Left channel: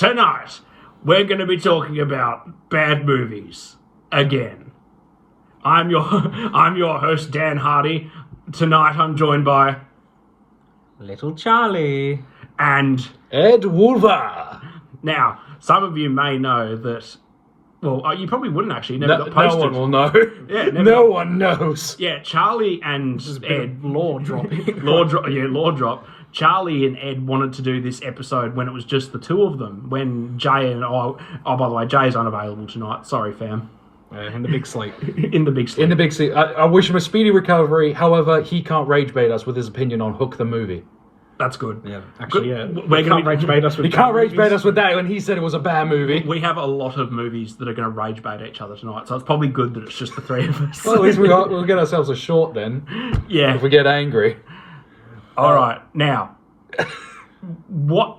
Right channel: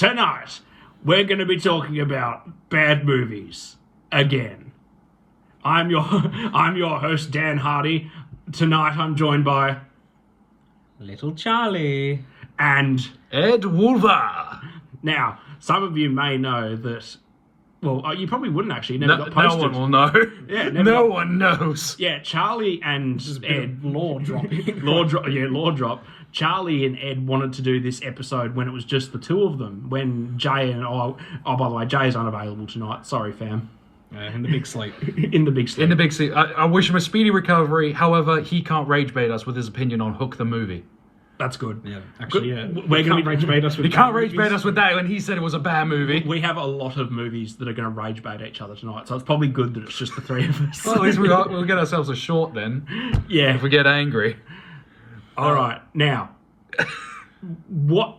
tonight we're going to be talking about bad movies again. I'm your host, Dan Hardy. Tonight I'm joined by Little Charlie and Ed Wolver. Now, some of you may know that. Well, you probably wouldn't actually. Never got posted. No one will know. Yeah, no one knows. Yeah, Charlie and Ed. law dropping. Law drop. Charlie and Ed wanted to do this episode when it was just the two of them. When Jay and by the way, Jay's unavailable tonight. Sorry, fam. In the big sleep. In the big sleep. In the big sleep. I wish him a speedy recovery. However, he can't rage bait us with his opinion on Hook the movie. That's good. Yeah, actually, yeah. We're going to rage bait us with He can't rage bait us with that when he said it was a bad movie. We have a lot of movies that are going to rage bait each other tonight, so it's probably good that it's just the three of us. Well, at least we'll get ourselves a short then. Yeah. If we get angry. All right. Now, what...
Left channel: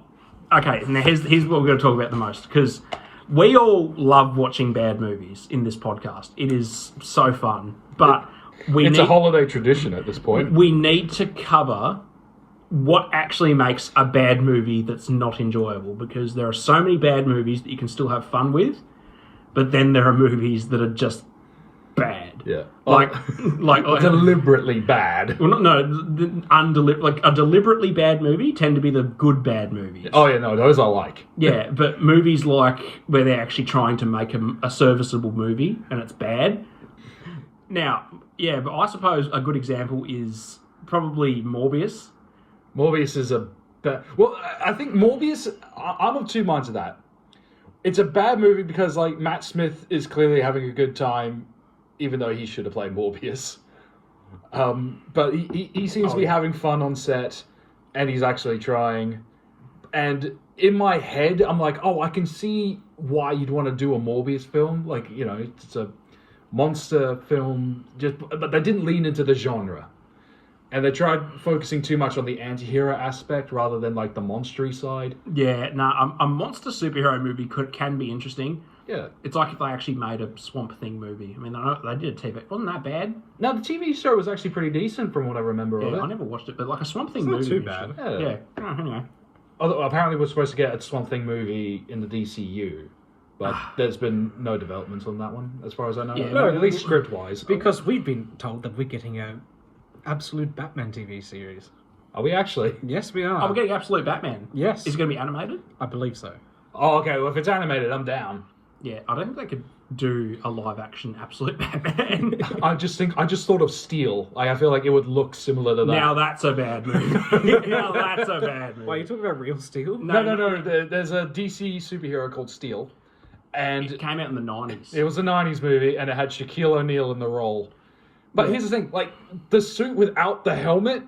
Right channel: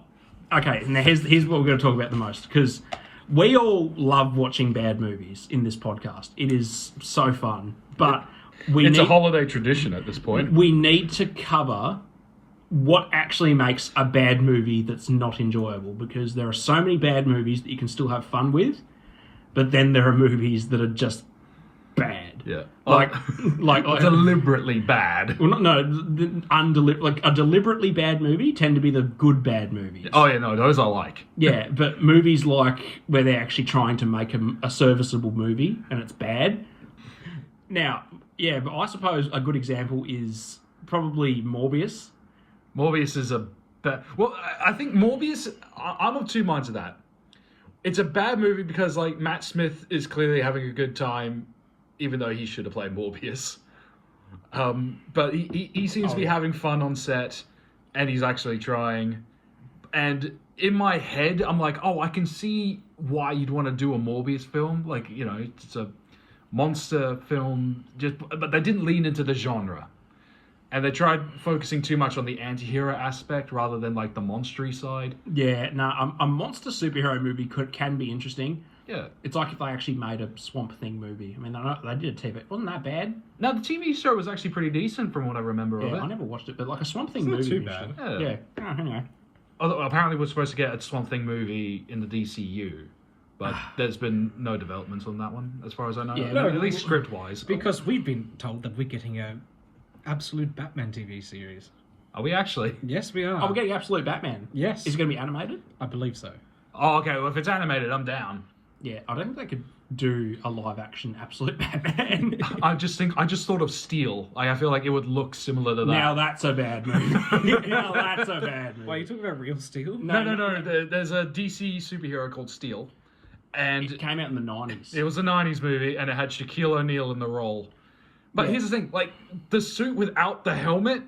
Okay, now here's what we're going to talk about the most, because we all love watching bad movies in this podcast. It is so fun, but It's a holiday tradition at this point. we need to cover what actually makes a bad movie that's not enjoyable, because there are so many bad movies that you can still have fun with, but then there are movies that are just bad. Yeah. Like Deliberately bad. well, no, like a deliberately bad movie tend to be the good bad movies. Oh, yeah, no, those I like. Yeah, but movies like where they're actually trying to make a serviceable movie and it's bad. Now, yeah, but I suppose a good example is probably Morbius. Morbius is a bad... Well, I think Morbius... I'm of two minds of that. It's a bad movie because, like, Matt Smith is clearly having a good time, even though he should have played Morbius. But he seems to be having fun on set, and he's actually trying. And in my head, I'm like, oh, I can see why you'd want to do a Morbius film. Like, you know, it's a monster film, but they didn't lean into the genre. And they tried focusing too much on the anti-hero aspect rather than, like, the monstery side. Yeah, no, a monster superhero movie can be interesting. Yeah. It's like if they actually made a Swamp Thing movie. I mean, they did a TV. Wasn't that bad? Now, the TV show was actually pretty decent from what I remember of Yeah, it. I never watched it, but like a Swamp Thing It's not movie. too bad. Yeah. Oh, anyway. Although apparently we're supposed to get a Swamp Thing movie in the DCU. But there's been no developments on that one, as far as I know. Yeah, No, but- at least script-wise. Because we've been told that we're getting a Absolute Batman TV series. Are we actually? Yes, we are. Oh, we're getting Absolute Batman. Yes. Is it going to be animated? I believe so. Oh, okay. Well, if it's animated, I'm down. Yeah, I don't think they could do a live-action Absolute Batman. I just thought of Steel. I feel like it would look similar to that. Now that's a bad movie. Now that's a bad movie. Why, are you talking about Real Steel? No. There's a DC superhero called Steel. And It came out in the 90s. it was a 90s movie, and it had Shaquille O'Neal in the role. But here's the thing, like, the suit without the helmet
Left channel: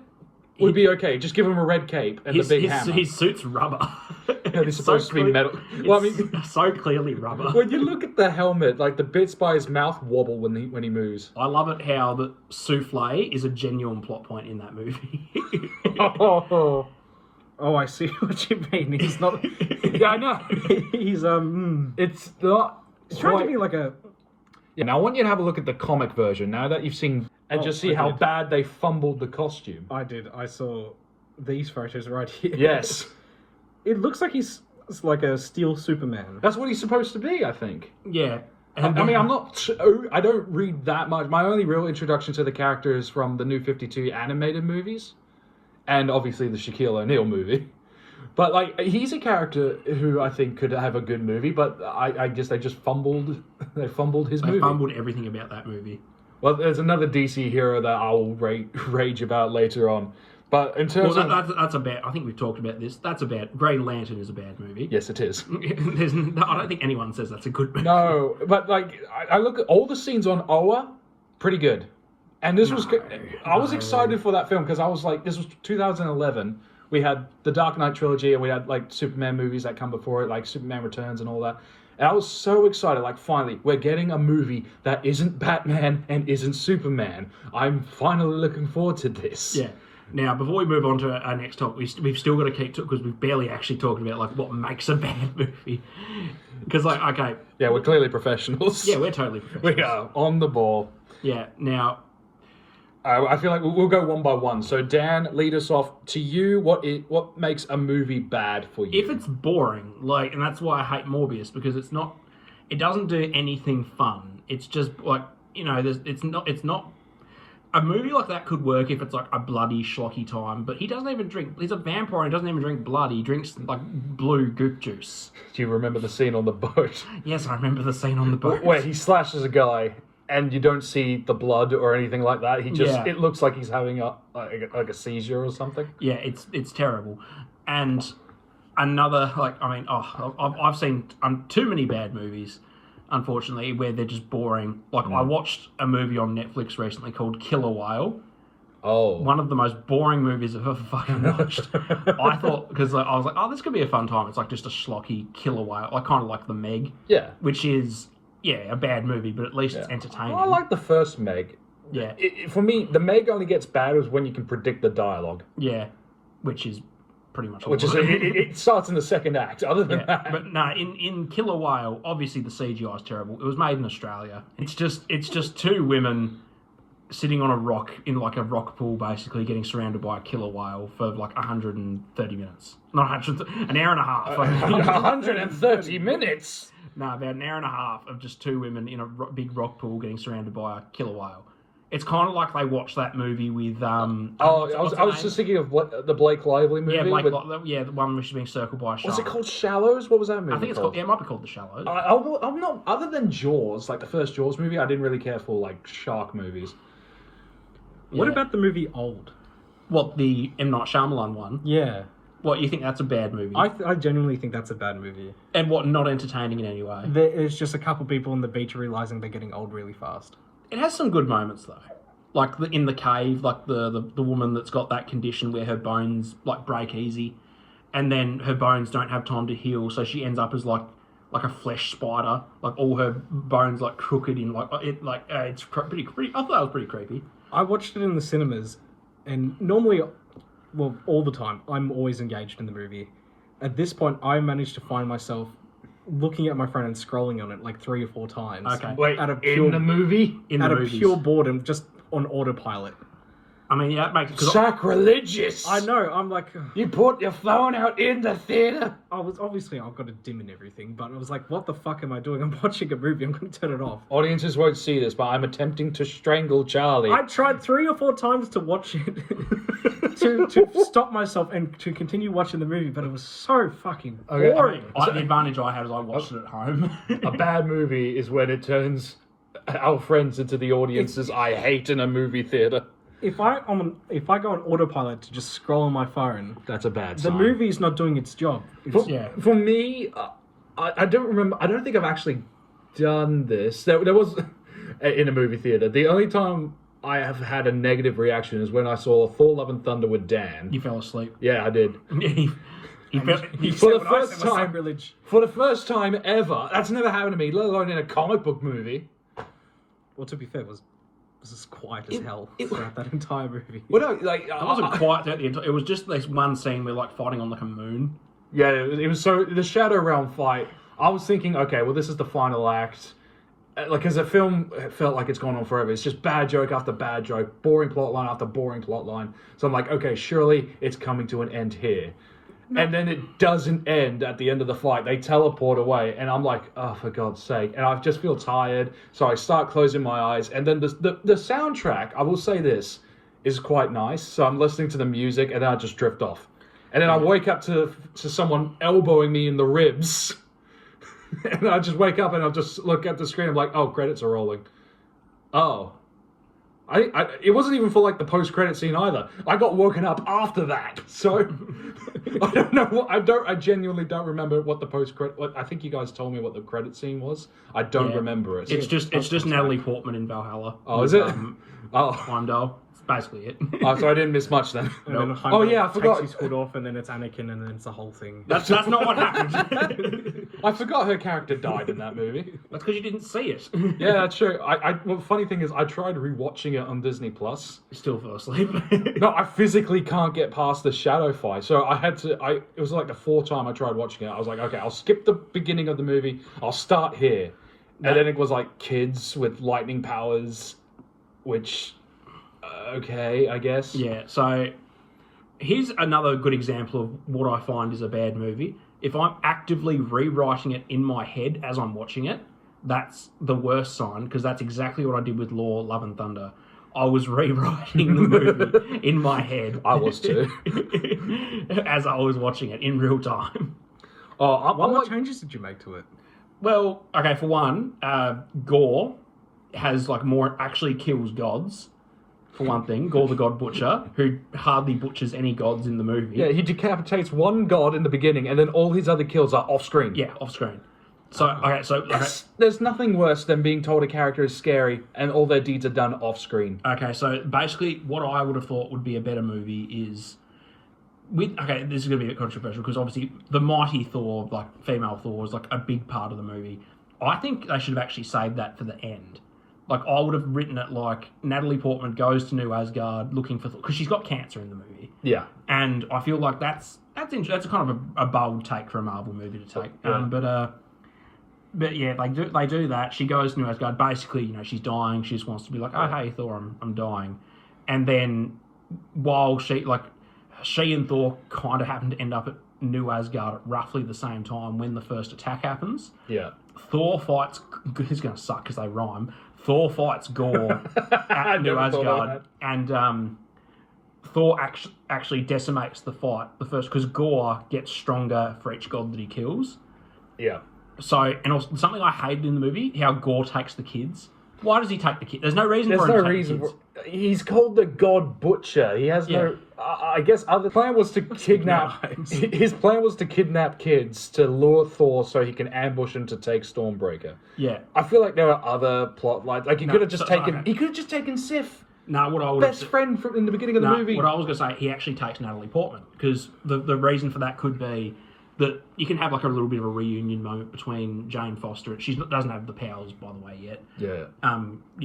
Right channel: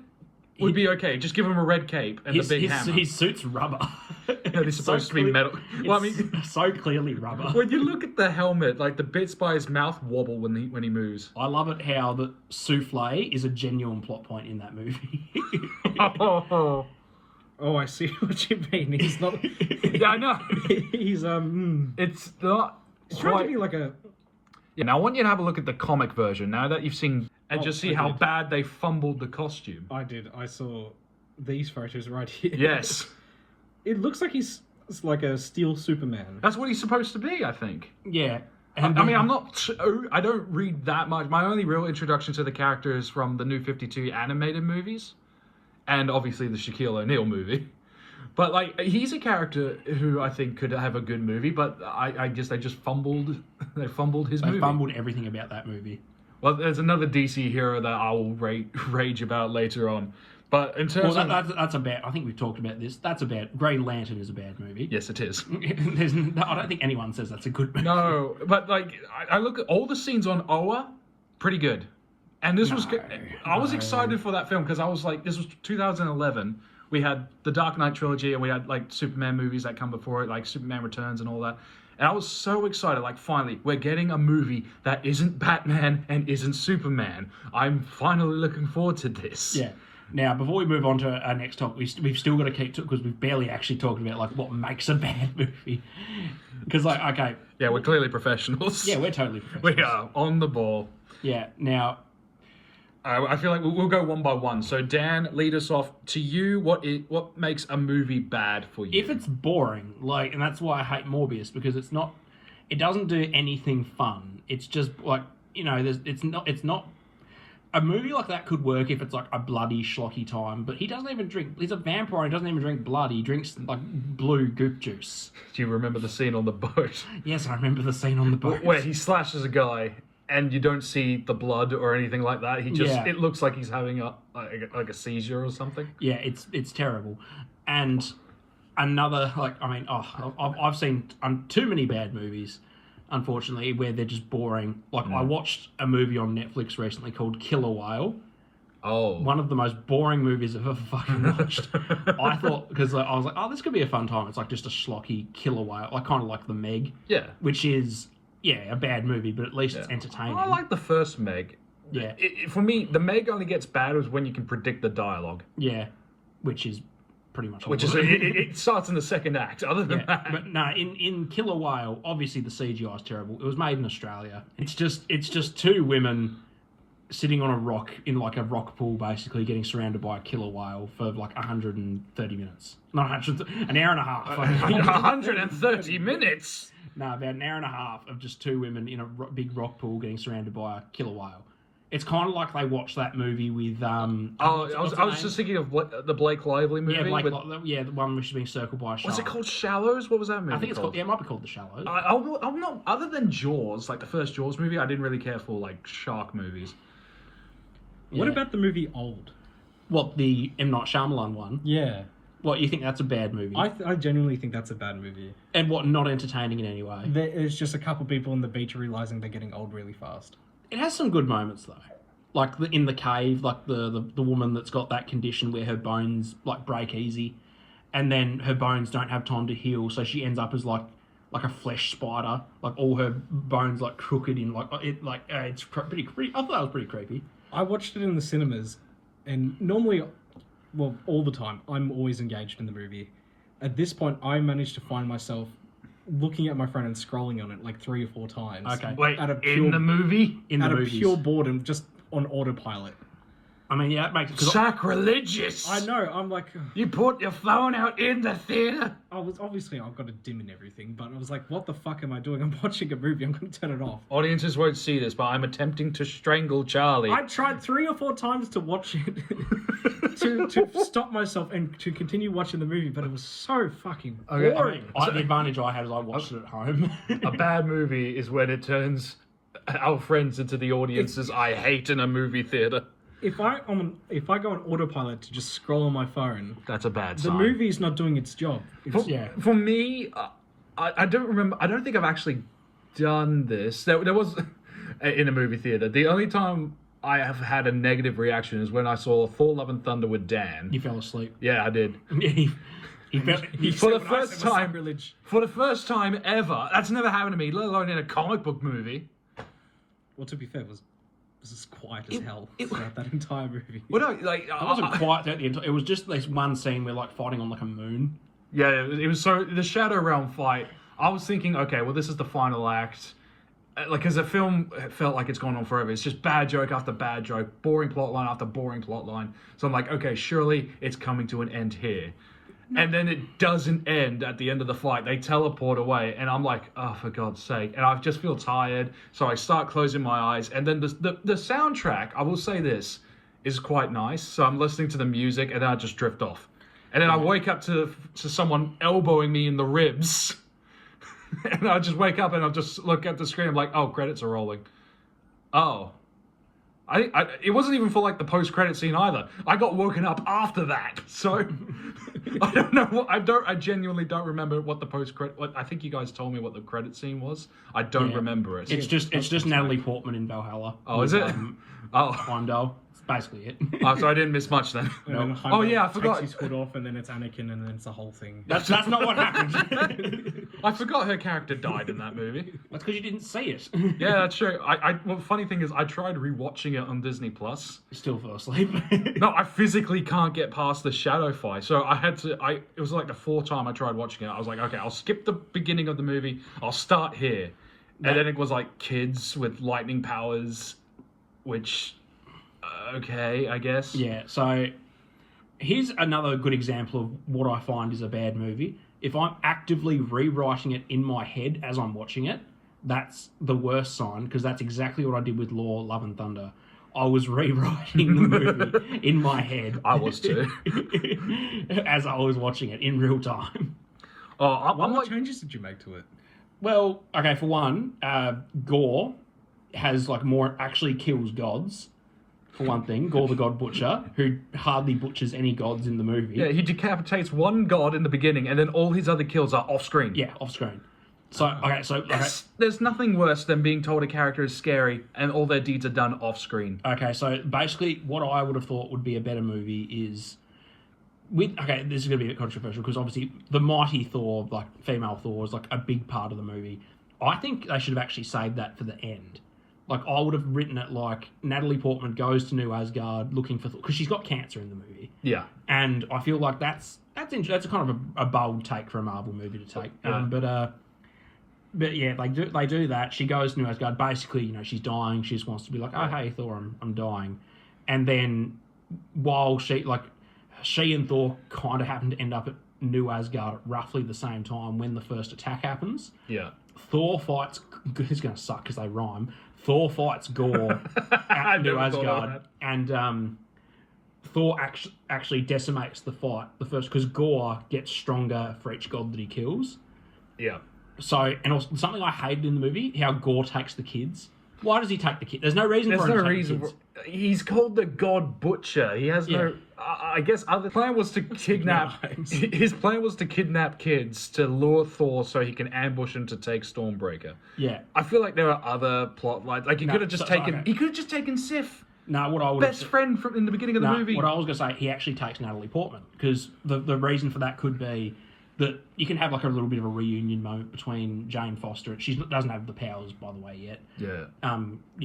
would be okay. Just give him a red cape and the big hammer. his suit's rubber. It's supposed to be metal. Well, I mean, It's so clearly rubber. when you look at the helmet, like, the bits by his mouth wobble when he moves. I love it how the souffle is a genuine plot point in that movie. Oh, I see what you mean. He's not... Yeah, I know. He's, It's not... He's trying to be like a... Yeah, now I want you to have a look at the comic version, now that you've seen... And just see I how did. bad they fumbled the costume. I did. I saw these photos right here. Yes. It looks like he's like a Steel Superman. That's what he's supposed to be, I think. Yeah. I mean, I don't read that much. My only real introduction to the character is from the New 52 animated movies. And obviously the Shaquille O'Neal movie. But, like, he's a character who I think could have a good movie, but I guess they just fumbled... They fumbled his movie. They fumbled everything about that movie. Well, there's another DC hero that I'll rage about later on. But in terms of... That's a bad... I think we've talked about this. That's a bad... Green Lantern is a bad movie. Yes, it is. I don't think anyone says that's a good movie. No, but, like, I look at all the scenes on Oa, pretty good. And this was... I was excited for that film because I was like, this was 2011. We had the Dark Knight trilogy and we had, like, Superman movies that come before it, like Superman Returns and all that. And I was so excited, like, finally, we're getting a movie that isn't Batman and isn't Superman. I'm finally looking forward to this. Yeah. Now, before we move on to our next topic, we've still got to keep... Because we've barely actually talked about, like, what makes a bad movie. Because, like, okay... Yeah, we're clearly professionals. Yeah, we're totally professionals. We are on the ball. Yeah, now... I feel like we'll go one by one. So Dan, lead us off. To you, what makes a movie bad for you? If it's boring, like, and that's why I hate Morbius, because it doesn't do anything fun. It's just like, it's not. A movie like that could work if it's like a bloody schlocky time, but he doesn't even drink. He's a vampire and he doesn't even drink blood. He drinks like blue goop juice. Do you remember the scene on the boat Yes, I remember the scene on the boat. where he slashes a guy and you don't see the blood or anything like that? It looks like he's having a seizure or something. Yeah, it's terrible. And another, like, I've seen too many bad movies, unfortunately, where they're just boring. Like, I watched a movie on Netflix recently called Killer Whale. Oh. One of the most boring movies I've ever fucking watched. I thought, because I was like, oh, this could be a fun time. It's like just a schlocky killer whale, like kind of like The Meg. Yeah. Which is, a bad movie, but at least it's entertaining. I like the first Meg. Yeah. For me, the Meg only gets bad was when you can predict the dialogue. Yeah. Which is pretty much all. Which is it starts in the second act. Other than that, but no, in Killer Whale, obviously the CGI is terrible. It was made in Australia. It's just two women sitting on a rock in like a rock pool, basically getting surrounded by a killer whale for like 130 minutes. Not 100, an hour and a half. 130 minutes. No, about an hour and a half of just two women in a big rock pool getting surrounded by a killer whale. It's kind of like they watched that movie with. I was just thinking of the Blake Lively movie. Yeah, the one which is being circled by a shark. Was it called Shallows? What was that movie? I think it's called. Yeah, it might be called The Shallows. I'm not. Other than Jaws, like the first Jaws movie, I didn't really care for like shark movies. What about the movie Old? What, the M. Night Shyamalan one? Yeah. What, you think that's a bad movie? I genuinely think that's a bad movie. And what, not entertaining in any way? There's just a couple people on the beach realizing they're getting old really fast. It has some good moments, though. Like in the cave, like the woman that's got that condition where her bones like break easy, and then her bones don't have time to heal, so she ends up as like a flesh spider, like all her bones like crooked in it's pretty. I thought that was pretty creepy. I watched it in the cinemas, and normally, well, all the time, I'm always engaged in the movie. At this point, I managed to find myself looking at my phone and scrolling on it like 3 or 4 times. Okay. Wait, out of pure, in the movie? Out of pure boredom, just on autopilot. I mean, yeah, that makes it... Sacrilegious! I know, I'm like... You put your phone out in the theatre? I've got it dim and everything, but I was like, what the fuck am I doing? I'm watching a movie, I'm going to turn it off. Audiences won't see this, but I'm attempting to strangle Charlie. I tried 3 or 4 times to watch it, to stop myself and to continue watching the movie, but it was so fucking boring. The advantage I had is I watched it at home. A bad movie is when it turns our friends into the audiences I hate in a movie theatre. If I go on autopilot to just scroll on my phone, that's a bad sign. The movie's not doing its job. For me, I don't remember. I don't think I've actually done this. There was in a movie theater. The only time I have had a negative reaction is when I saw Thor: Love and Thunder with Dan. You fell asleep. Yeah, I did. For the first time ever. That's never happened to me, let alone in a comic book movie. Well, to be fair, it was as quiet as hell throughout that entire movie. Well, no, like, it wasn't quiet throughout the entire... It was just this one scene where, like, fighting on, like, a moon. Yeah, it was so... The Shadow Realm fight, I was thinking, okay, well, this is the final act. Like, because the film felt like it's gone on forever. It's just bad joke after bad joke, boring plot line after boring plot line. So I'm like, okay, surely it's coming to an end here. No. And then it doesn't end at the end of the fight. They teleport away, and I'm like, oh, for God's sake. And I just feel tired, so I start closing my eyes. And then the soundtrack, I will say this, is quite nice. So I'm listening to the music, and then I just drift off. And then I wake up to someone elbowing me in the ribs. And I just wake up, and I'll just look at the screen. I'm like, oh, credits are rolling. Oh. It wasn't even for like the post-credit scene either. I got woken up after that, so I don't know what I genuinely don't remember what the post-credit. I think you guys told me what the credit scene was. I don't remember it. It's just Natalie Portman in Valhalla. Oh, is it? Heimdall. That's basically it. Oh, so I didn't miss much then. Then oh yeah, I forgot. Takes his hood off, and then it's Anakin, and then it's the whole thing. That's not what happened. I forgot her character died in that movie. That's because you didn't see it. Yeah, that's true. Well, the funny thing is, I tried rewatching it on Disney Plus. Still fell asleep. No, I physically can't get past the shadow fight, so I had to. It was like the 4th time I tried watching it. I was like, okay, I'll skip the beginning of the movie. I'll start here, and then it was like kids with lightning powers, which. okay, I guess. Yeah, so here's another good example of what I find is a bad movie. If I'm actively rewriting it in my head as I'm watching it, that's the worst sign, because that's exactly what I did with Love and Thunder. I was rewriting the movie in my head. I was too. As I was watching it in real time. What changes did you make to it? Well, okay, for one, Gore has like more actually kills gods. For one thing, Gore the God Butcher, who hardly butchers any gods in the movie. Yeah, he decapitates one god in the beginning, and then all his other kills are off screen. Yeah, off screen. So There's nothing worse than being told a character is scary and all their deeds are done off screen. Okay, so basically, what I would have thought would be a better movie is this is going to be a bit controversial because obviously the mighty Thor, like female Thor, is like a big part of the movie. I think they should have actually saved that for the end. Like, I would have written it like Natalie Portman goes to New Asgard looking for Thor, because she's got cancer in the movie. Yeah. And I feel like that's a kind of a bold take for a Marvel movie to take. Yeah. But yeah, they do that. She goes to New Asgard. Basically, she's dying. She just wants to be like, oh, hey, Thor, I'm dying. And then while she and Thor kind of happen to end up at New Asgard at roughly the same time when the first attack happens. Yeah. Thor fights... It's going to suck because they rhyme. Thor fights Gore at New Asgard. And Thor actually decimates the fight, the first, because Gore gets stronger for each god that he kills. Yeah. So, and also, something I hated in the movie, how Gore takes the kids. Why does he take the kids? There's no reason for him to take the kids. He's called the God Butcher. He has no... I guess other plan was to kidnap... His plan was to kidnap kids to lure Thor so he can ambush him to take Stormbreaker. Yeah. I feel like there are other plot lines. Like, he could have just taken... Okay. He could have just taken Sif. No, what I would Best friend from in the beginning of the movie. What I was going to say, he actually takes Natalie Portman, because the reason for that could be that you can have like a little bit of a reunion moment between Jane Foster. She doesn't have the powers, by the way, yet. Yeah.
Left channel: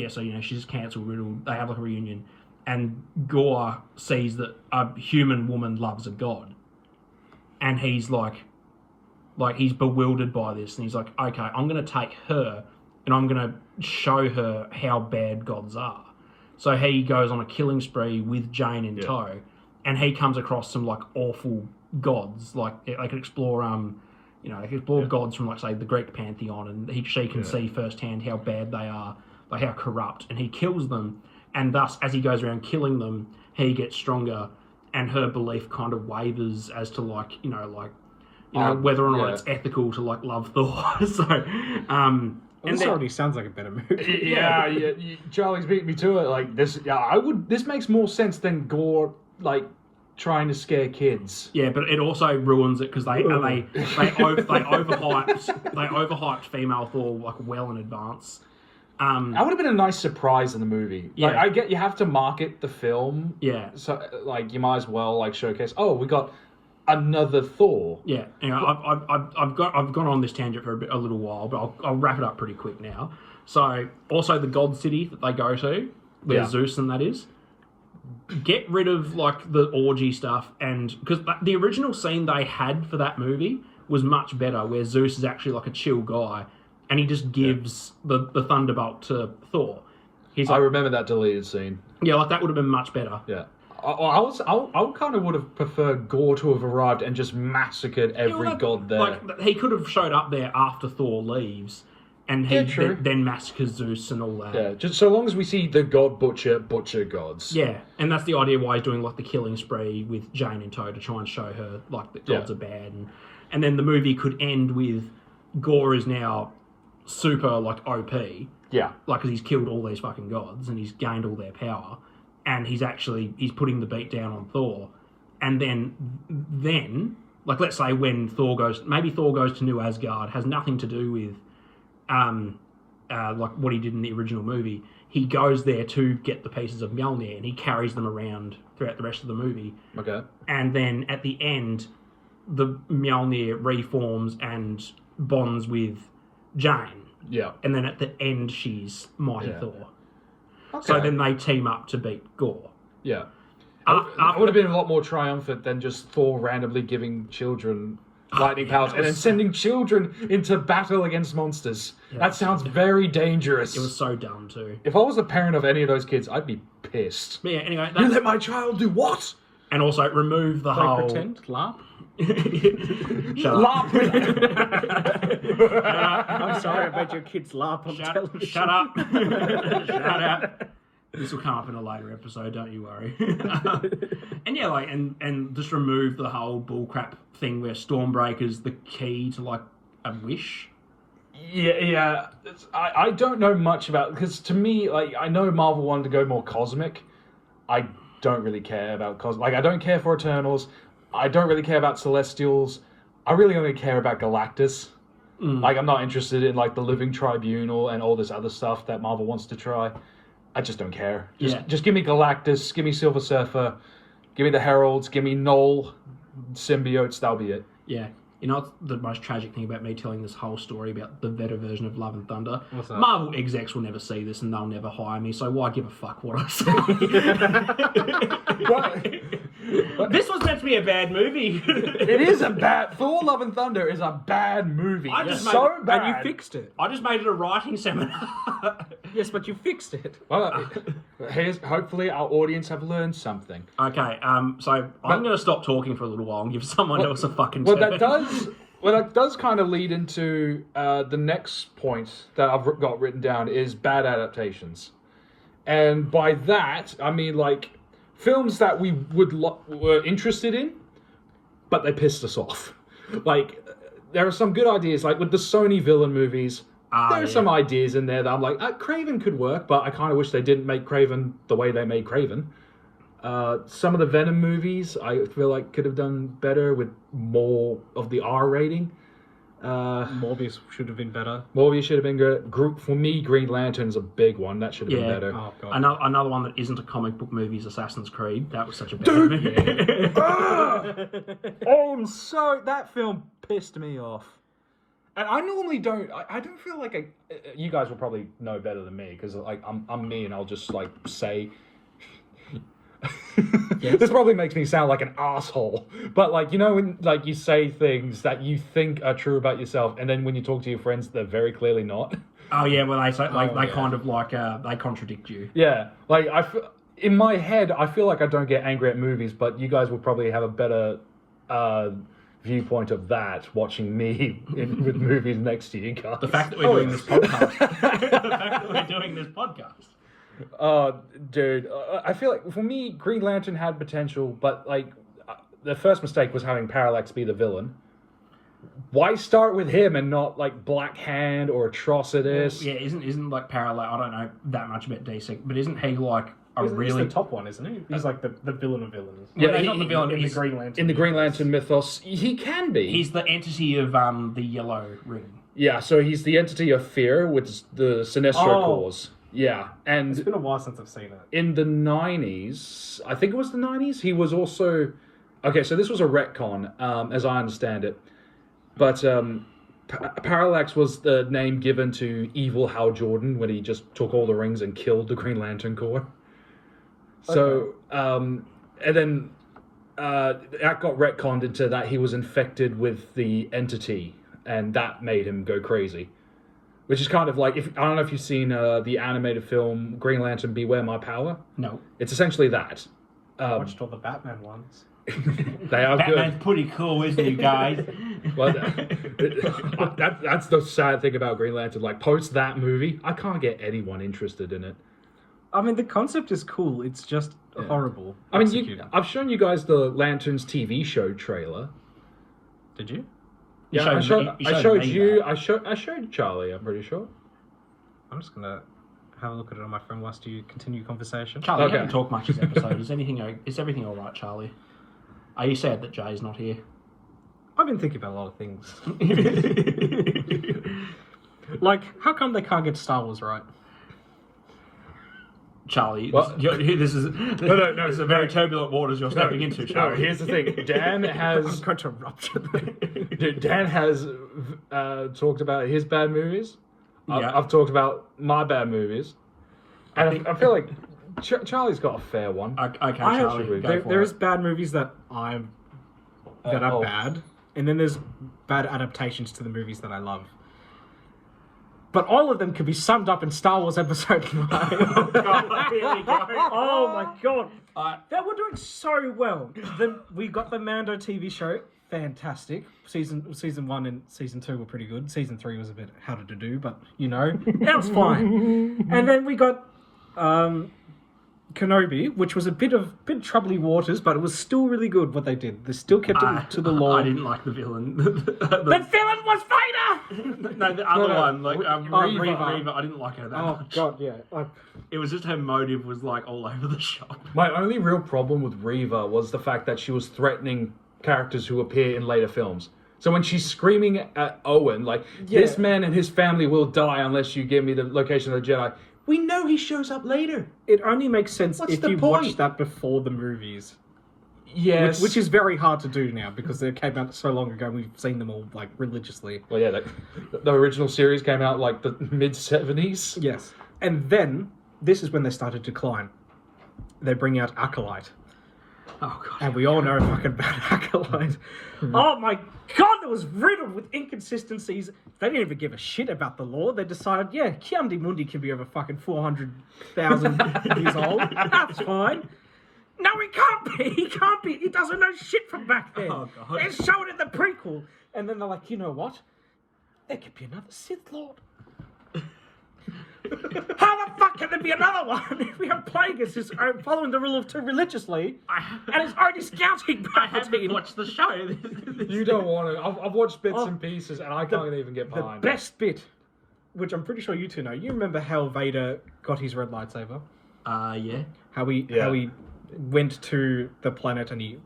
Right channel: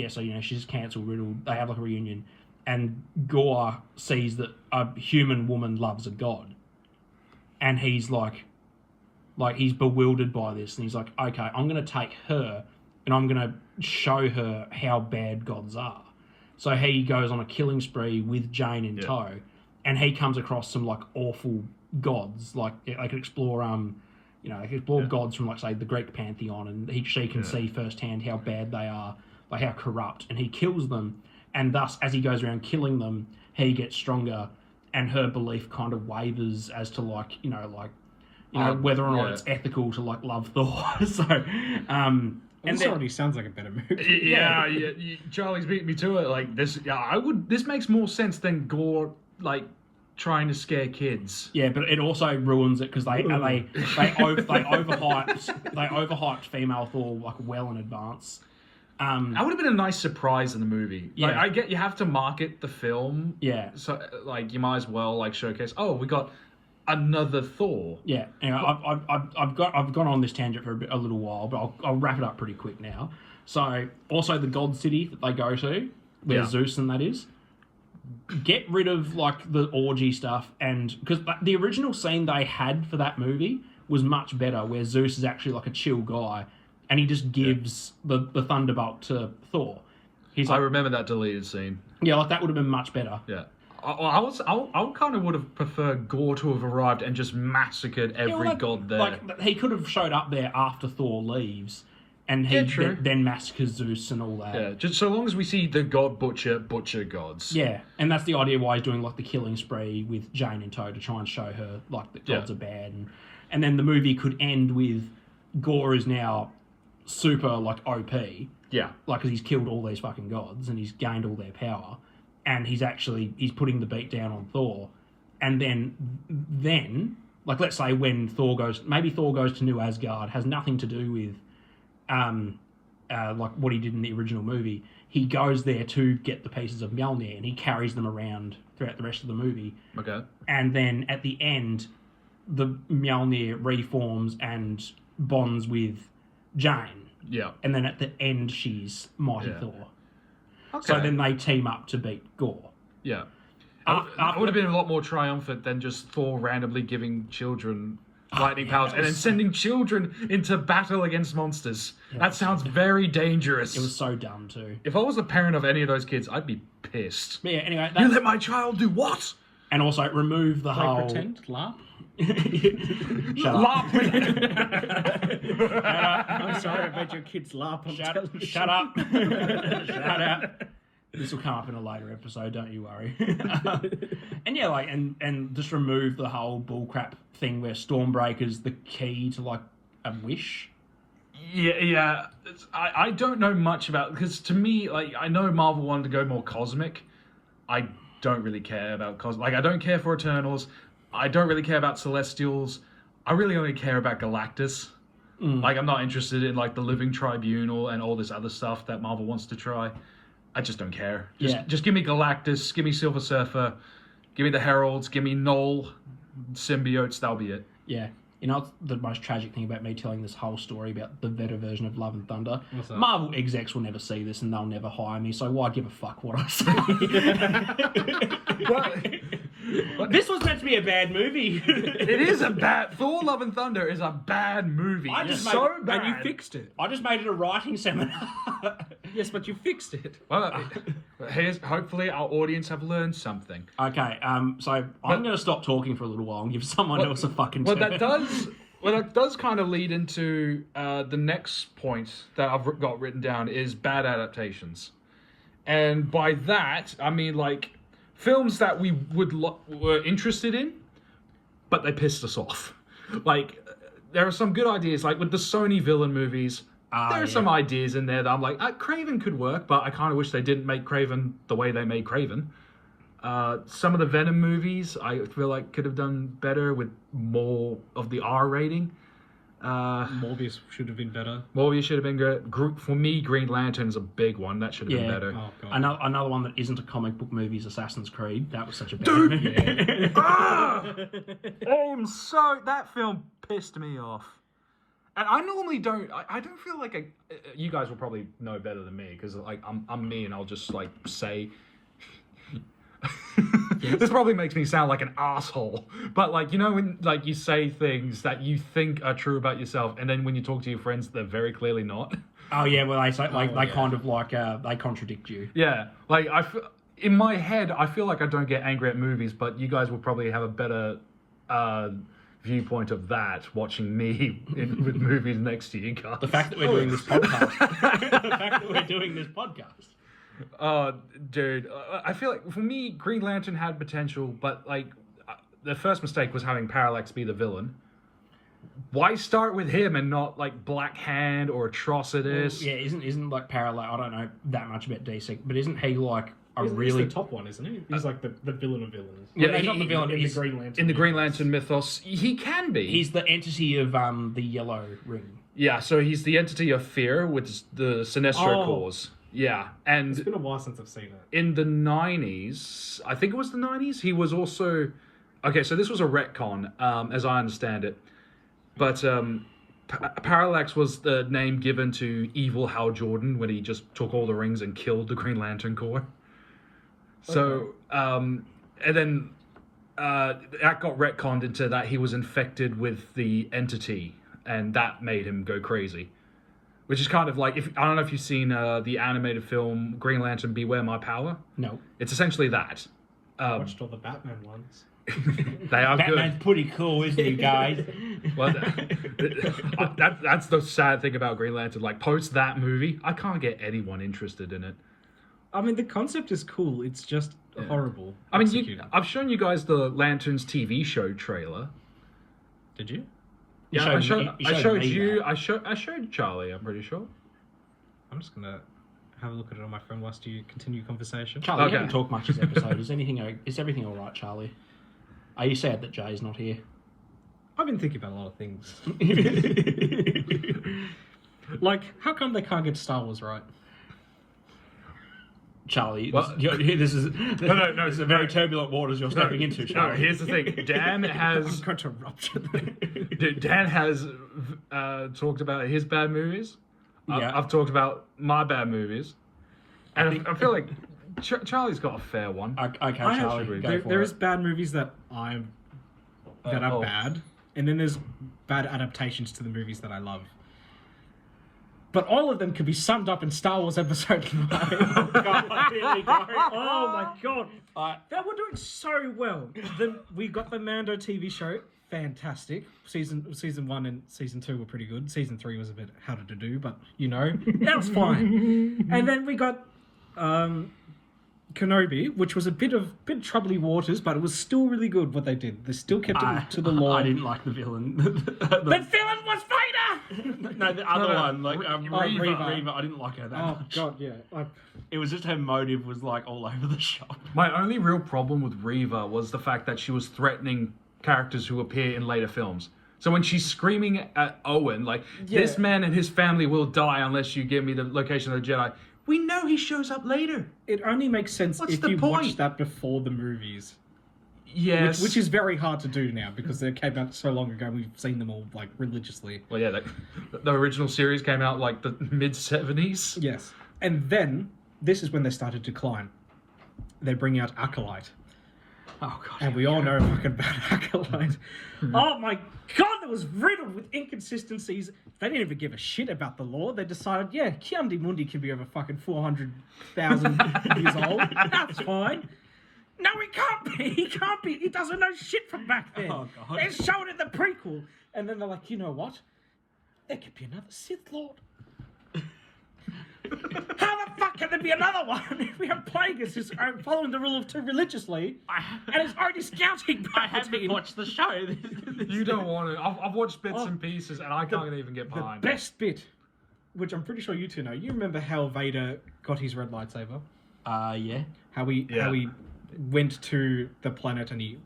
So she's cancer riddled. They have like a reunion, and Gore sees that a human woman loves a god, and he's like he's bewildered by this, and he's like, okay, I'm going to take her, and I'm going to show her how bad gods are. So he goes on a killing spree with Jane in tow, and he comes across some like awful gods. Like they could explore, gods from like say the Greek pantheon, and she can see firsthand how bad they are, like how corrupt, and he kills them. And thus, as he goes around killing them, he gets stronger, and her belief kind of wavers as to whether or not it's ethical to like love Thor. So, This already sounds like a better movie. Yeah, Charlie's beat me to it. Like this, This makes more sense than Gore like trying to scare kids. Yeah, but it also ruins it because they overhyped female Thor like well in advance. That would have been a nice surprise in the movie. Yeah. Like, I get you have to market the film. Yeah. So like you might as well like showcase. Oh, we got another Thor. Yeah, and I've gone on this tangent for a little while, but I'll wrap it up pretty quick now. So, also the God City that they go to, where Zeus and that is, get rid of like the orgy stuff, and because the original scene they had for that movie was much better, where Zeus is actually like a chill guy, and he just gives the thunderbolt to Thor. I remember that deleted scene. Yeah, like that would have been much better. Yeah. I kind of would have preferred Gore to have arrived and just massacred every god there. Like he could have showed up there after Thor leaves, and he then massacres Zeus and all that. Yeah, just so long as we see the God Butcher gods. Yeah, and that's the idea why he's doing like the killing spree with Jane in tow to try and show her like that gods are bad, and then the movie could end with Gore is now super like OP. Yeah, like because he's killed all these fucking gods and he's gained all their power. And he's putting the beat down on Thor. And then, like, let's say when Thor goes to New Asgard, has nothing to do with, like, what he did in the original movie. He goes there to get the pieces of Mjolnir, and he carries them around throughout the rest of the movie. Okay. And then, at the end, the Mjolnir reforms and bonds with Jane. Yeah. And then at the end, she's Mighty Thor. Okay. So then they team up to beat Gore. Yeah. It would have been a lot more triumphant than just Thor randomly giving children lightning powers, and then was- sending children into battle against monsters. That sounds very dangerous. It was so dumb too. If I was the parent of any of those kids, I'd be pissed. But yeah, anyway, You that's, let my child do what? and also remove the Play whole. pretend, laugh. Shut up. Laugh. I'm sorry, I made your kids laugh on television. Shut up. Shut up. This will come up in a later episode, don't you worry. And yeah, like, and just remove the whole bullcrap thing where Stormbreaker's the key to like a wish. Yeah. I don't know much about, because to me, like, I know Marvel wanted to go more cosmic. I don't really care about cosmic. Like, I don't care for Eternals. I don't really care about Celestials. I really only care about Galactus. Like, I'm not interested in like the Living Tribunal and all this other stuff that Marvel wants to try. I just don't care. Just give me Galactus, give me Silver Surfer, give me the Heralds, give me Null, symbiotes. That'll be it. Yeah. You know what's the most tragic thing about me telling this whole story about the better version of Love and Thunder? What's that? Marvel execs will never see this and they'll never hire me, so why give a fuck what I say? This was meant to be a bad movie. It is a bad. Thor: Love and Thunder is a bad movie. I just It's made so it- bad. And you fixed it. I just made it a writing seminar. Yes, but you fixed it. Well, hopefully our audience have learned something. Okay, so I'm going to stop talking for a little while and give someone else a fucking Well, turn. that does kind of lead into the next point that I've got written down is bad adaptations, and by that I mean like films that we were interested in, but they pissed us off. Like there are some good ideas, like with the Sony villain movies. There are some ideas in there that I'm like, Craven could work, but I kind of wish they didn't make Craven the way they made Craven. Some of the Venom movies I feel like could have done better with more of the R rating. Morbius should have been better. Morbius should have been good. For me, Green Lantern's a big one. That should have been Yeah. better. Oh, God. Another one that isn't a comic book movie is Assassin's Creed. That was such a bad movie. That film pissed me off. And I normally don't. I don't feel like you guys will probably know better than me because like I'm me and I'll just like say. This probably makes me sound like an asshole, but like when like you say things that you think are true about yourself, and then when you talk to your friends, they're very clearly not. Oh yeah, well they say, like they yeah. kind of like they contradict you. Yeah, like in my head, I feel like I don't get angry at movies, but you guys will probably have a better viewpoint of that watching me with movies next to you guys. The fact that we're doing this podcast. The fact that we're doing this podcast. Dude, I feel like for me, Green Lantern had potential, but like the first mistake was having Parallax be the villain. Why start with him and not like Black Hand or Atrocitus? Yeah, isn't like Parallel? I don't know that much about DC, but isn't he like a He's really the top one, isn't he? He's like the villain of villains. Yeah, Well, he- not the villain in the he's- Green Lantern. In the Green mythos. Lantern mythos, he can be. He's the entity of the Yellow Ring. Yeah, so he's the entity of fear with the Sinestro Oh. cores. Yeah, and It's been a while since I've seen it. in the 90s, I think it was the 90s, he was also... Okay, so this was a retcon, as I understand it. But Parallax was the name given to evil Hal Jordan when he just took all the rings and killed the Green Lantern Corps. So, and then that got retconned into that he was infected with the entity, and that made him go crazy. Which is kind of like, I don't know if you've seen the animated film Green Lantern Beware My Power. No, It's essentially that. I watched all the Batman ones. They are Batman's good. pretty cool, isn't he, guys? Well, that's the sad thing about Green Lantern. Like, post that movie, I can't get anyone interested in it. I mean, the concept is cool. It's just horrible. I mean, executed. I've shown you guys the Lanterns TV show trailer. Did you? You Yeah, showed I me showed you. that. I showed Charlie. I'm pretty sure. I'm just gonna have a look at it on my phone whilst you continue conversation. Charlie, Okay. you haven't talked much this episode. Is everything all right, Charlie? Are you sad that Jay's not here? I've been thinking about a lot of things. Like, how come they can't get Star Wars right? Charlie, Well- this is no. This is a very turbulent waters you're stepping into, No, Charlie. here's the thing. Dan I'm has going to rupture them. Dan has talked about his bad movies. Yeah. I've talked about my bad movies. And I feel like Charlie's got a fair one. Okay, I Charlie, actually- go for There it. is bad movies that are Oh. bad, And then there's bad adaptations to the movies that I love. But all of them can be summed up in Star Wars Episode 9. God, here we go. Oh my god. They were doing so well. Then we got the Mando TV show. Fantastic. Season 1 and season 2 were pretty good. Season 3 was a bit harder to do, but that's fine. And then we got Kenobi, which was a bit troubly waters, but it was still really good what they did. They still kept it to the law. I didn't like the villain. The villain was Vader! No, the other one, like Reva. Reva. I didn't like her that Oh much. god, yeah. It was just her motive was like all over the shop. My only real problem with Reva was the fact that she was threatening characters who appear in later films. So when she's screaming at Owen, like, this man and his family will die unless you give me the location of the Jedi, we know he shows up later. It only makes sense What's if the you point? watch that before the movies. Yes. Which is very hard to do now because they came out so long ago. We've seen them all like religiously. Well, yeah, the original series came out like the mid-70s. Yes. And then this is when they started to decline. They bring out Acolyte. Oh god. And we all know fucking bad Acolyte. Oh my god, it was riddled with inconsistencies. They didn't even give a shit about the law. They decided, yeah, Kiamdi Mundi can be over fucking 400,000 years old. That's fine. No, he can't be. He can't be. He doesn't know shit from back then. Oh, God. They showed it in the prequel. And then they're like, you know what? There could be another Sith Lord. How the fuck can there be another one if we are playing as his own, following the rule of two religiously, and it's already scouting I haven't Palpatine? watched the show. You don't want to. I've watched bits and pieces, and I can't even get The behind. best bit, which I'm pretty sure you two know. You remember how Vader got his red lightsaber? Yeah. How he went to the planet and he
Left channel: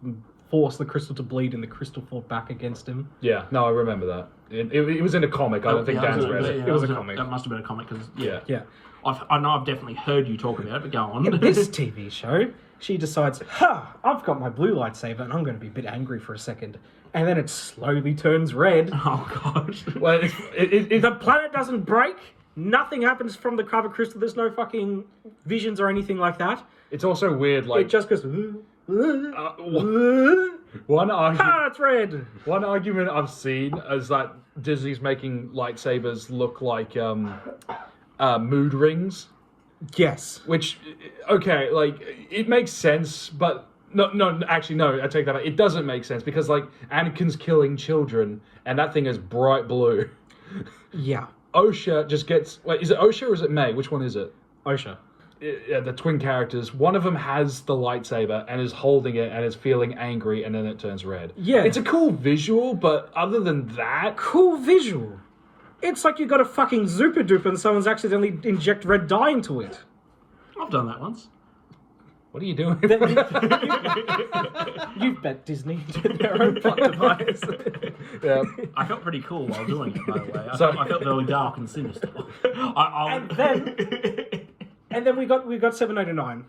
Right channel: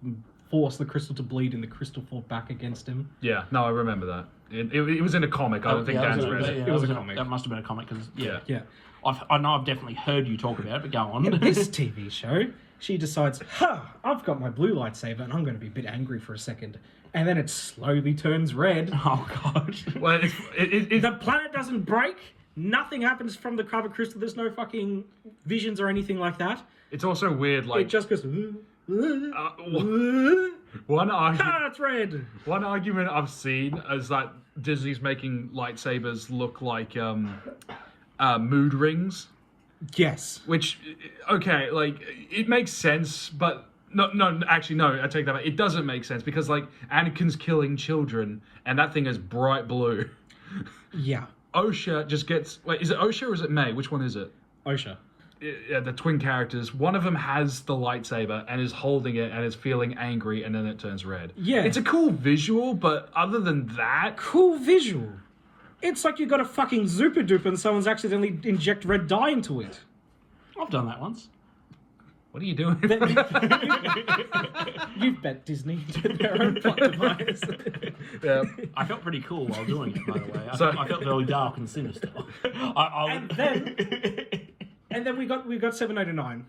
forced the crystal to bleed, and the crystal fought back against him. Yeah, no, I remember that. It was in a comic. I don't think Dan's read it. It was a comic. That must have been a comic because Yeah. I know I've definitely heard you talk about it, but go on. In this TV show, she decides, I've got my blue lightsaber and I'm going to be a bit angry for a second. And then it slowly turns red. Oh god. Well, The planet doesn't break. Nothing happens from the cover crystal. There's no fucking visions or anything like that. it's also weird. Like It just goes... one argument. it's red. One argument I've seen is that Disney's making lightsabers look like mood rings, Yes. which, okay, like, it makes sense, but actually, I take that back. It doesn't make sense because, like, Anakin's killing children, and that thing is bright blue. Yeah. Osha just gets, wait, is it Osha or is it May? Which one is it? Osha. Yeah, the twin characters. One of them has the lightsaber and is holding it and is feeling angry, and then it turns red. Yeah. It's a cool visual, but other than that, Cool visual. It's like you got a fucking Zupa Duper and someone's accidentally inject red dye into it. I've done that once. what are you doing? You've bet Disney did their own plot device. Yeah. I felt pretty cool while doing it, by the way. I So- felt very dark and sinister. And then we got 7, 8, and 9.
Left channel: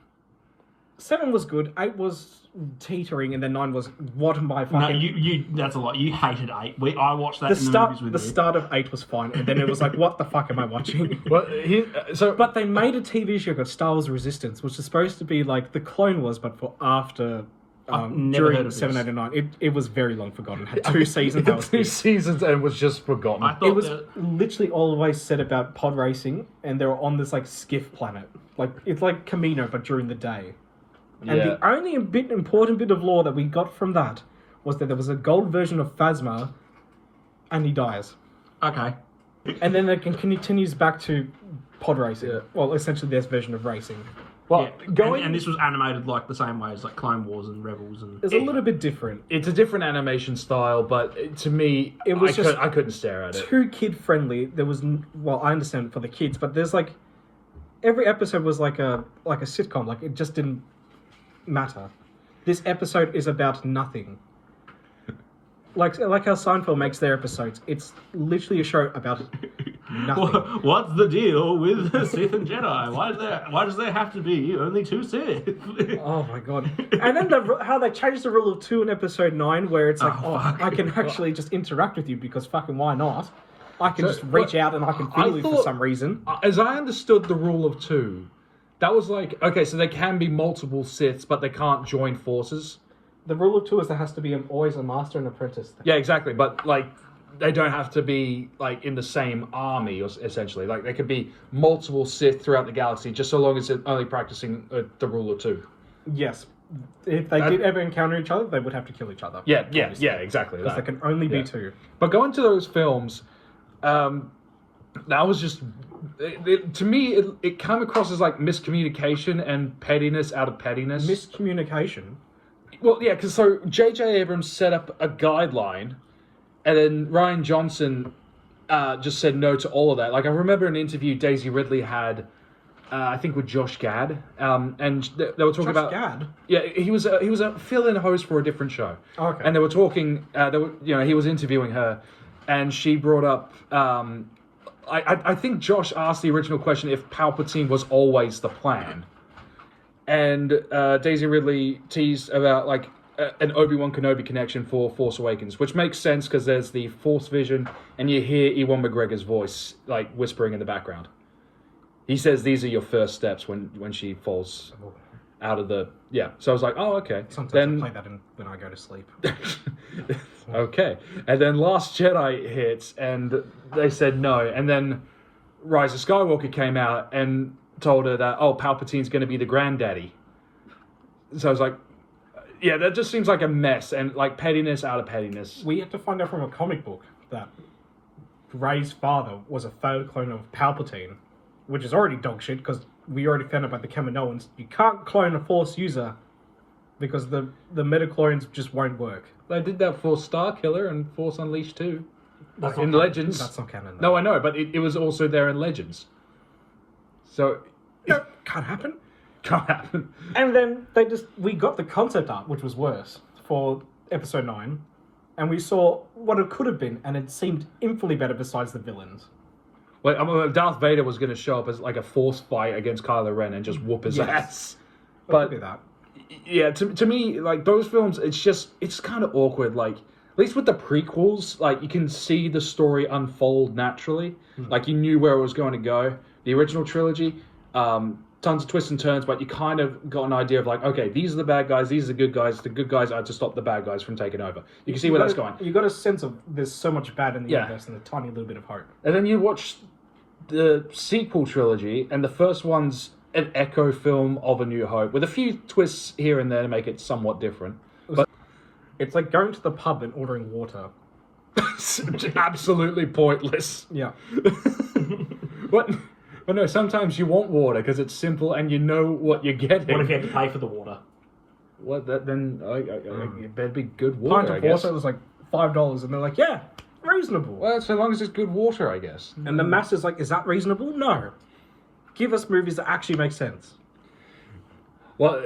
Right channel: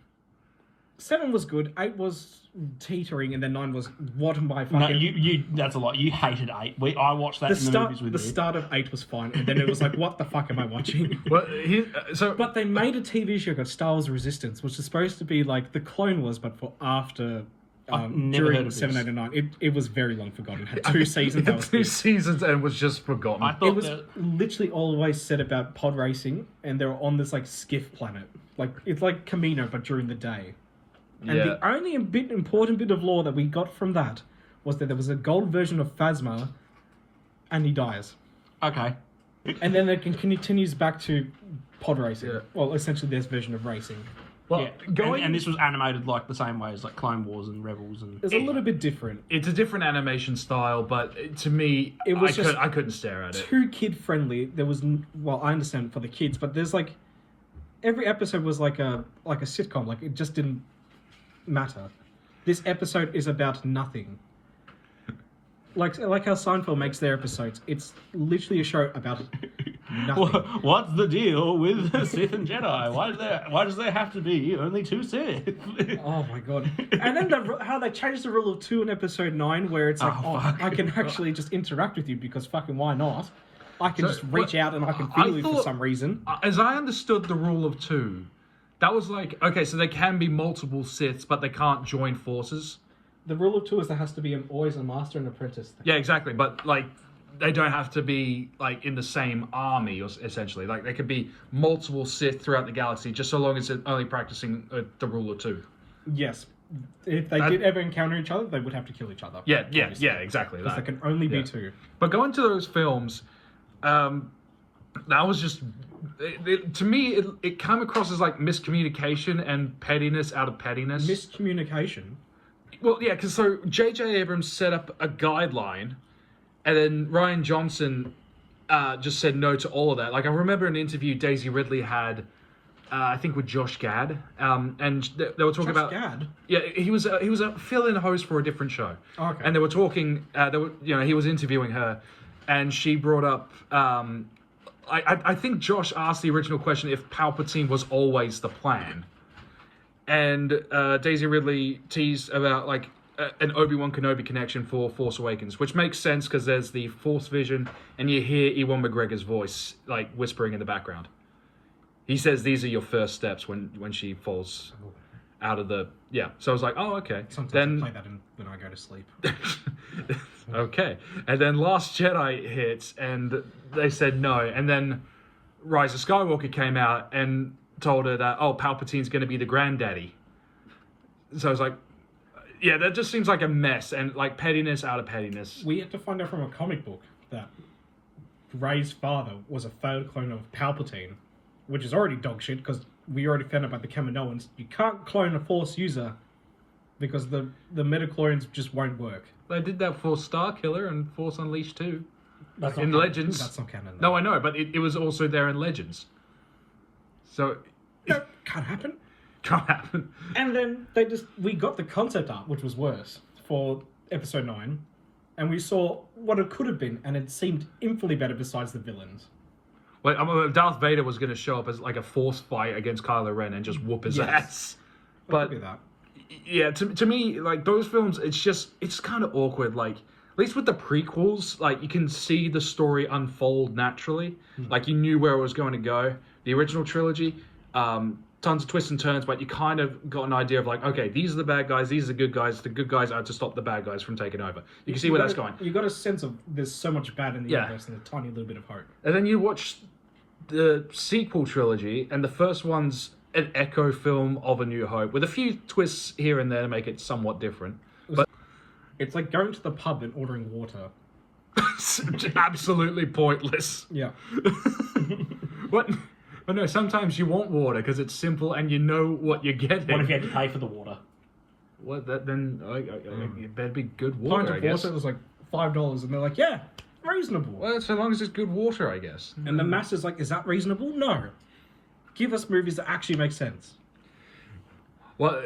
7 was good. 8 was teetering, and then 9 was what my No, fucking. you that's a lot. You hated 8. I watched that the in the start, movies with the you. start of 8 was fine, and then it was like, what the fuck am I watching? But But they made a TV show called Star Wars Resistance, which is supposed to be like the Clone Wars, but for after. never heard During of 7, this. 8, and 9. It was very long forgotten. Had 2 seasons. That was 2 it. seasons and was just forgotten. I thought It was that, literally always said about pod racing, and they were on this like skiff planet. Like it's like Camino, but during the day. And Yeah. the only important bit of lore that we got from that was that there was a gold version of Phasma, and he dies. okay. And then it continues back to pod racing. Yeah. Well, essentially their version of racing. Well, Yeah. And this was animated like the same way as like Clone Wars and Rebels and. It's a little bit different. it's a different animation style, but to me, It was I couldn't stare at it. Too kid friendly. There was well, I understand for the kids, but there's like every episode was like a sitcom. Like it just didn't matter. This episode is about nothing. Like how Seinfeld makes their episodes. It's literally a show about nothing. What's the deal with Sith and Jedi? Why does there have to be only 2 Sith? Oh my god! And then how they changed the rule of 2 in episode 9, where it's like, fuck. I can actually just interact with you because fucking why not? I can So, just reach but out and I can feel you for thought- some reason. As I understood the rule of 2, that was like, okay, so there can be multiple Siths, but they can't join forces. The rule of two is there has to be always a master and apprentice thing. Yeah, exactly. But like, they don't have to be like in the same army, or essentially. Like, they could be multiple Sith throughout the galaxy, just so long as they're only practicing the rule of two. Yes. If they did ever encounter each other, they would have to kill each other. Yeah, exactly. Because there can only be two. But going to those films, that was just to me. It came across as like miscommunication and pettiness out of pettiness. Miscommunication. Well, yeah, because so J.J. Abrams set up a guideline, and then Rian Johnson just said no to all of that. Like, I remember an interview Daisy Ridley had, I think with Josh Gad, and they were talking about Gad? Yeah, he was a fill-in host for a different show. Oh, okay. And they were talking. He was interviewing her, and she brought up. I think Josh asked the original question if Palpatine was always the plan. And Daisy Ridley teased about like an Obi-Wan Kenobi connection for Force Awakens, which makes sense because there's the Force vision, and you hear Ewan McGregor's voice like whispering in the background. He says these are your first steps when she falls out of the So I was like, oh, okay. Sometimes I play that when I go to sleep. Okay, and then Last Jedi hits, and they said no, and then Rise of Skywalker came out and told her that, Palpatine's going to be the granddaddy. So I was like, yeah, that just seems like a mess, and like pettiness out of pettiness. We had to find out from a comic book that Rey's father was a failed clone of Palpatine, which is already dog shit, because we already found out about the Kaminoans. You can't clone a Force user, because the midichlorians just won't work. They did that for Starkiller and Force Unleashed too. That's in not Legends. That's not canon, No, though. I know, but it was also there in Legends. So... No, can't happen. Can't happen. And then we got the concept art, which was worse, for episode 9, and we saw what it could have been, and it seemed infinitely better besides the villains. Well, Darth Vader was going to show up as like a force fight against Kylo Ren and just whoop his ass. But do that. Yeah, to me, like those films, it's kind of awkward. Like, at least with the prequels, like you can see the story unfold naturally. Like you knew where it was going to go. The original trilogy, tons of twists and turns, but you kind of got an idea of like, okay, these are the bad guys, these are the good guys. The good guys are to stop the bad guys from taking over. You can see where that's going. You got a sense of there's so much bad in the universe and a tiny little bit of hope. And then you watch the sequel trilogy, and the first one's an echo film of A New Hope, with a few twists here and there to make it somewhat different. But it's like going to the pub and ordering water. Absolutely pointless. Yeah. But no, sometimes you want water because it's simple and you know what you're getting. What if you had to pay for the water? What? Then it better be good water. Pint of water was like $5, and they're like, yeah, reasonable. Well, so long as it's good water, I guess. And the master's like, is that reasonable? No. Give us movies that actually make sense. Well,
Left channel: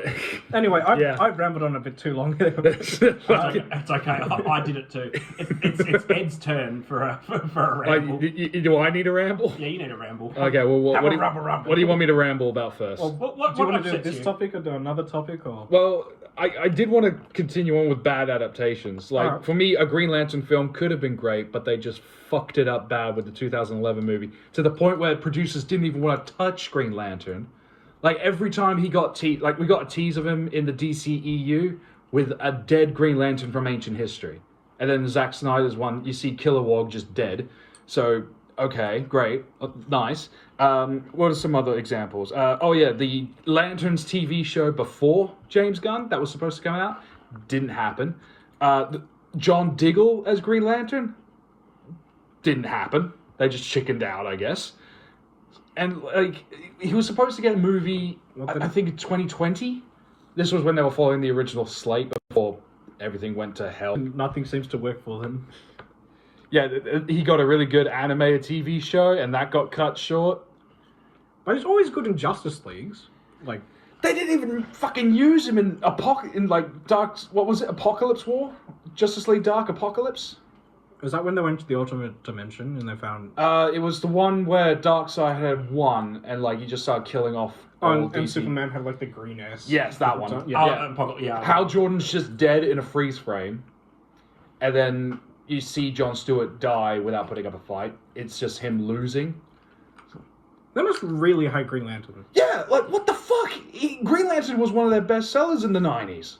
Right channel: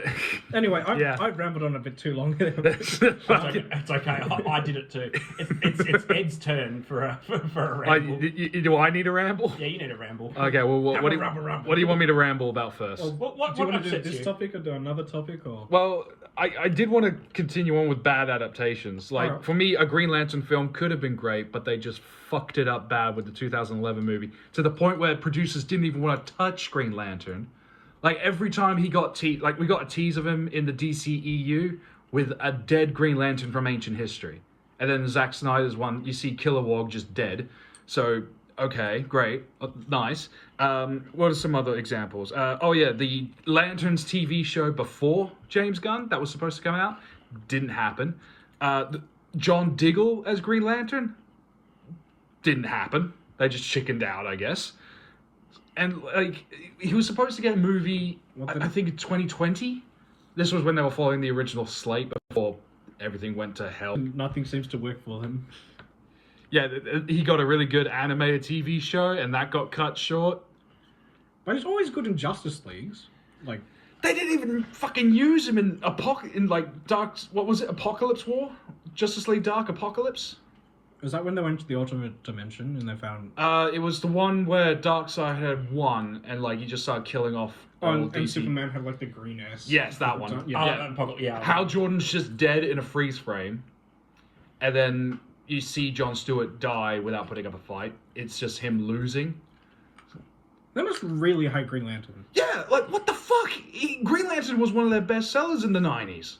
anyway, I've rambled on a bit too long. It's okay. I did it too. It's Ed's turn for a ramble. Do I need a ramble? Yeah, you need a ramble. Okay, well, what do you want me to ramble about first? Well, What do you want to do upsets this you? topic or do another topic? Or Well, I did want to continue on with bad adaptations. Like, Alright. for me, a Green Lantern film could have been great, but they just fucked it up bad with the 2011 movie, to the point where producers didn't even want to touch Green Lantern. Like, every time he got we got a tease of him in the DCEU with a dead Green Lantern from ancient history. And then Zack Snyder's one, you see Kilowog just dead. So, okay, great, nice. What are some other examples? The Lanterns TV show before James Gunn that was supposed to come out didn't happen. John Diggle as Green Lantern didn't happen. They just chickened out, I guess. And like he was supposed to get a movie, I think in 2020. This was when they were following the original slate before everything went to hell. nothing seems to work for them. Yeah, he got a really good animated TV show, and that got cut short. But he's always good in Justice Leagues. Like, They didn't even fucking use him in Apocalypse War? Justice League Dark Apocalypse? is that when they went to the alternate dimension and they found? It was the one where Darkseid had won, and like you just started killing off. all and DC. Superman had like the green ass. Yes, that one. Yeah. Hal Jordan's just dead in a freeze frame, and then you see Jon Stewart die without putting up a fight. It's just him losing. They must really hate Green Lantern. Yeah, like what the fuck? Green Lantern was one of their best sellers in the 90s.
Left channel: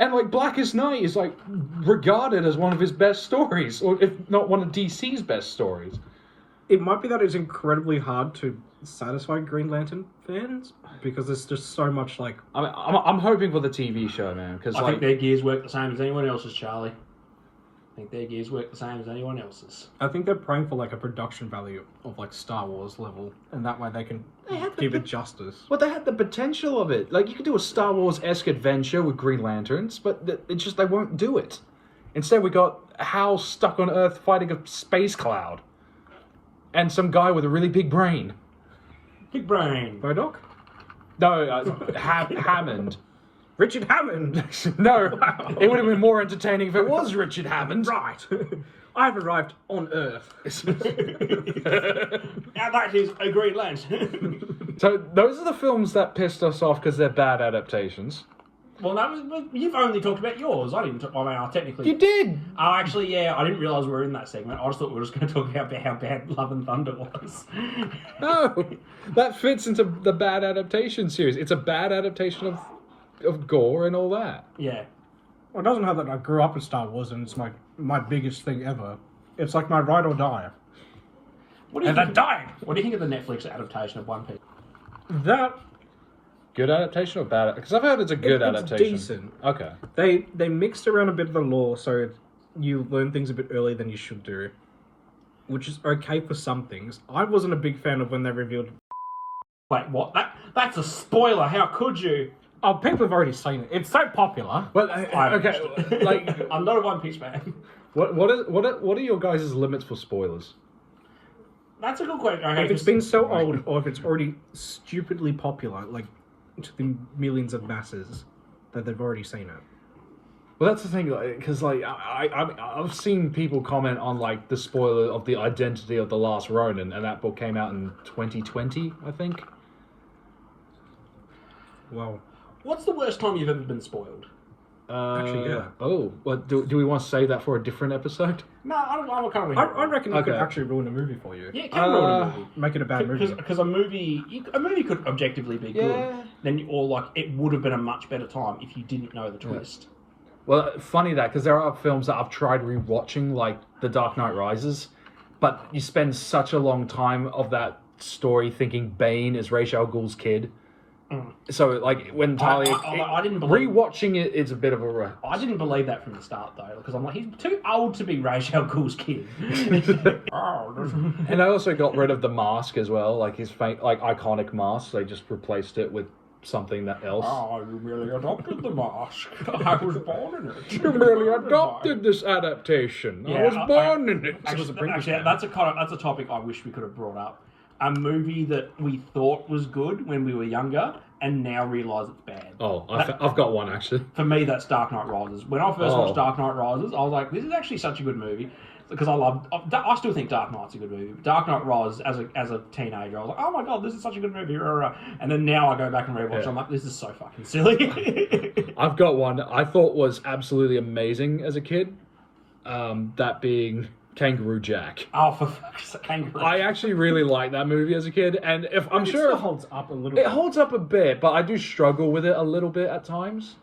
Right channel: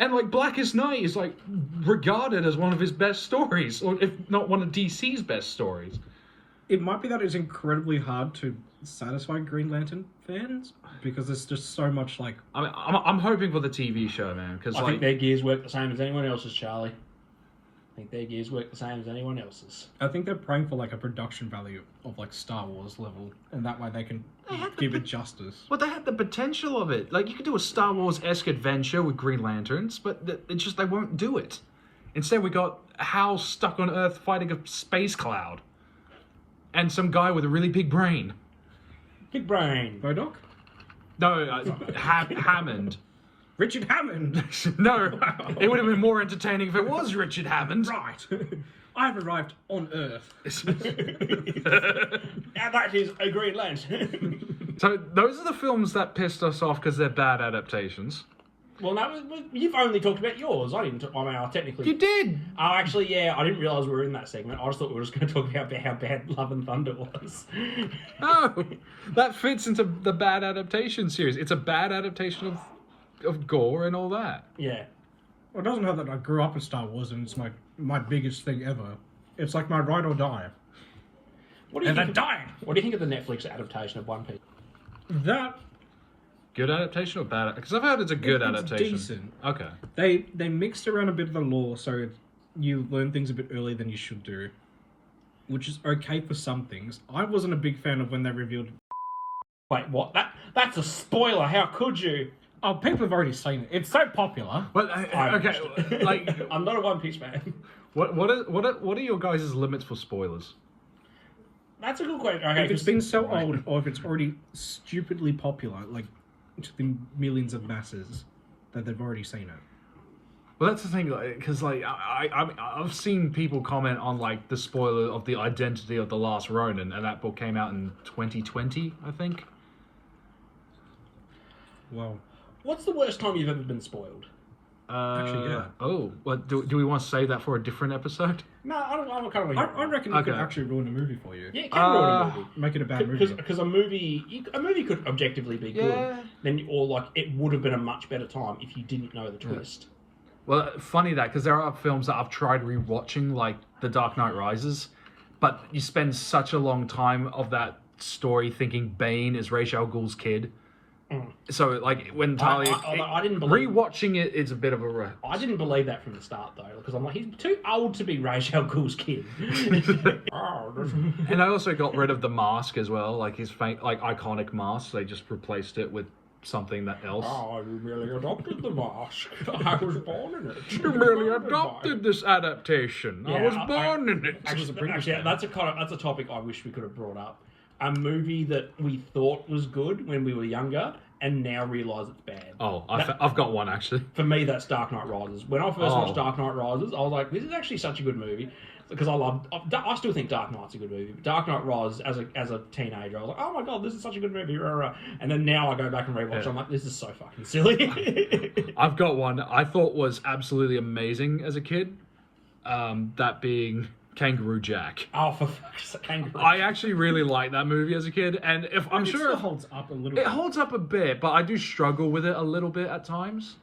And like Blackest Night is like regarded as one of his best stories, or if not one of DC's best stories. It might be that it's incredibly hard to satisfy Green Lantern fans because there's just so much like. I'm hoping for the TV show, man, because I think their gears work the same as anyone else's, Charlie. I think their gears work the same as anyone else's. I think they're praying for like a production value of like Star Wars level, and that way they can give it justice. Well, they had the potential of it. Like, you could do a Star Wars-esque adventure with Green Lanterns, but it's just they won't do it. Instead, we got Hal stuck on Earth fighting a space cloud. And some guy with a really big brain. Big brain. Modoc? No, Hammond. Richard Hammond! No, it would have been more entertaining if it was Richard Hammond. Right. I've arrived on Earth. And that is a Green Lantern. So, those are the films that pissed us off because they're bad adaptations. Well, you've only talked about yours. I didn't. I technically. You did! Oh, actually, yeah. I didn't realise we were in that segment. I just thought we were just going to talk about how bad Love and Thunder was. No, that fits into the bad adaptation series. It's a bad adaptation of gore and all that. Yeah. Well, it doesn't have that I grew up in Star Wars and it's my biggest thing ever. It's like my ride or die. What do you And think? they're dying! What do you think of the Netflix adaptation of One Piece? That, Good adaptation or bad? Because I've heard it's a good it's adaptation. decent. Okay. They mixed around a bit of the lore so you learn things a bit earlier than you should do. Which is okay for some things. I wasn't a big fan of when they revealed... Wait, what? That's a spoiler. How could you? Oh, people have already seen it. It's so popular. Well, okay, like, I'm not a One Piece fan. what are your guys' limits for spoilers? That's a good question. Okay, If it's been so old, or if it's already stupidly popular, like to the millions of masses, that they've already seen it. Well, that's the thing, because like I've seen people comment on like the spoiler of the identity of the Last Ronin, and that book came out in 2020, I think. Wow. What's the worst time you've ever been spoiled? Actually, yeah. Oh, what do we want to save that for a different episode? No, I don't kind of. I reckon you could Okay. actually ruin a movie for you. Yeah, it can ruin a movie. Make it a bad movie. Because a movie could objectively be good, Yeah. then or like it would have been a much better time if you didn't know the twist. Well, funny that, because there are films that I've tried rewatching, like The Dark Knight Rises, but you spend such a long time of that story thinking Bane is Ra's al Ghul's kid. So, like, when Tali... I didn't believe. Rewatching it is a bit of a... I didn't believe that from the start though, because I'm like, he's too old to be Ra's al Ghul's kid. And I also got rid of the mask as well, like his iconic mask. They just replaced it with something else. Oh, you merely adopted the mask. I was born in it. You merely adopted this adaptation. I was born in it. Actually, that's a topic I wish we could have brought up. A movie that we thought was good when we were younger, and now realise it's bad. Oh, I've got one actually. For me, that's Dark Knight Rises. When I first watched Dark Knight Rises, I was like, this is actually such a good movie. Because I still think Dark Knight's a good movie. But Dark Knight Rises, as a teenager, I was like, oh my god, this is such a good movie. And then now I go back and rewatch it, I'm like, this is so fucking silly. I've got one I thought was absolutely amazing as a kid. That being Kangaroo Jack. Oh, for fuck's sake, Kangaroo. I actually really liked that movie as a kid, and I'm It sure still holds up a little it bit. holds up a bit, but I do struggle with it a little bit at times.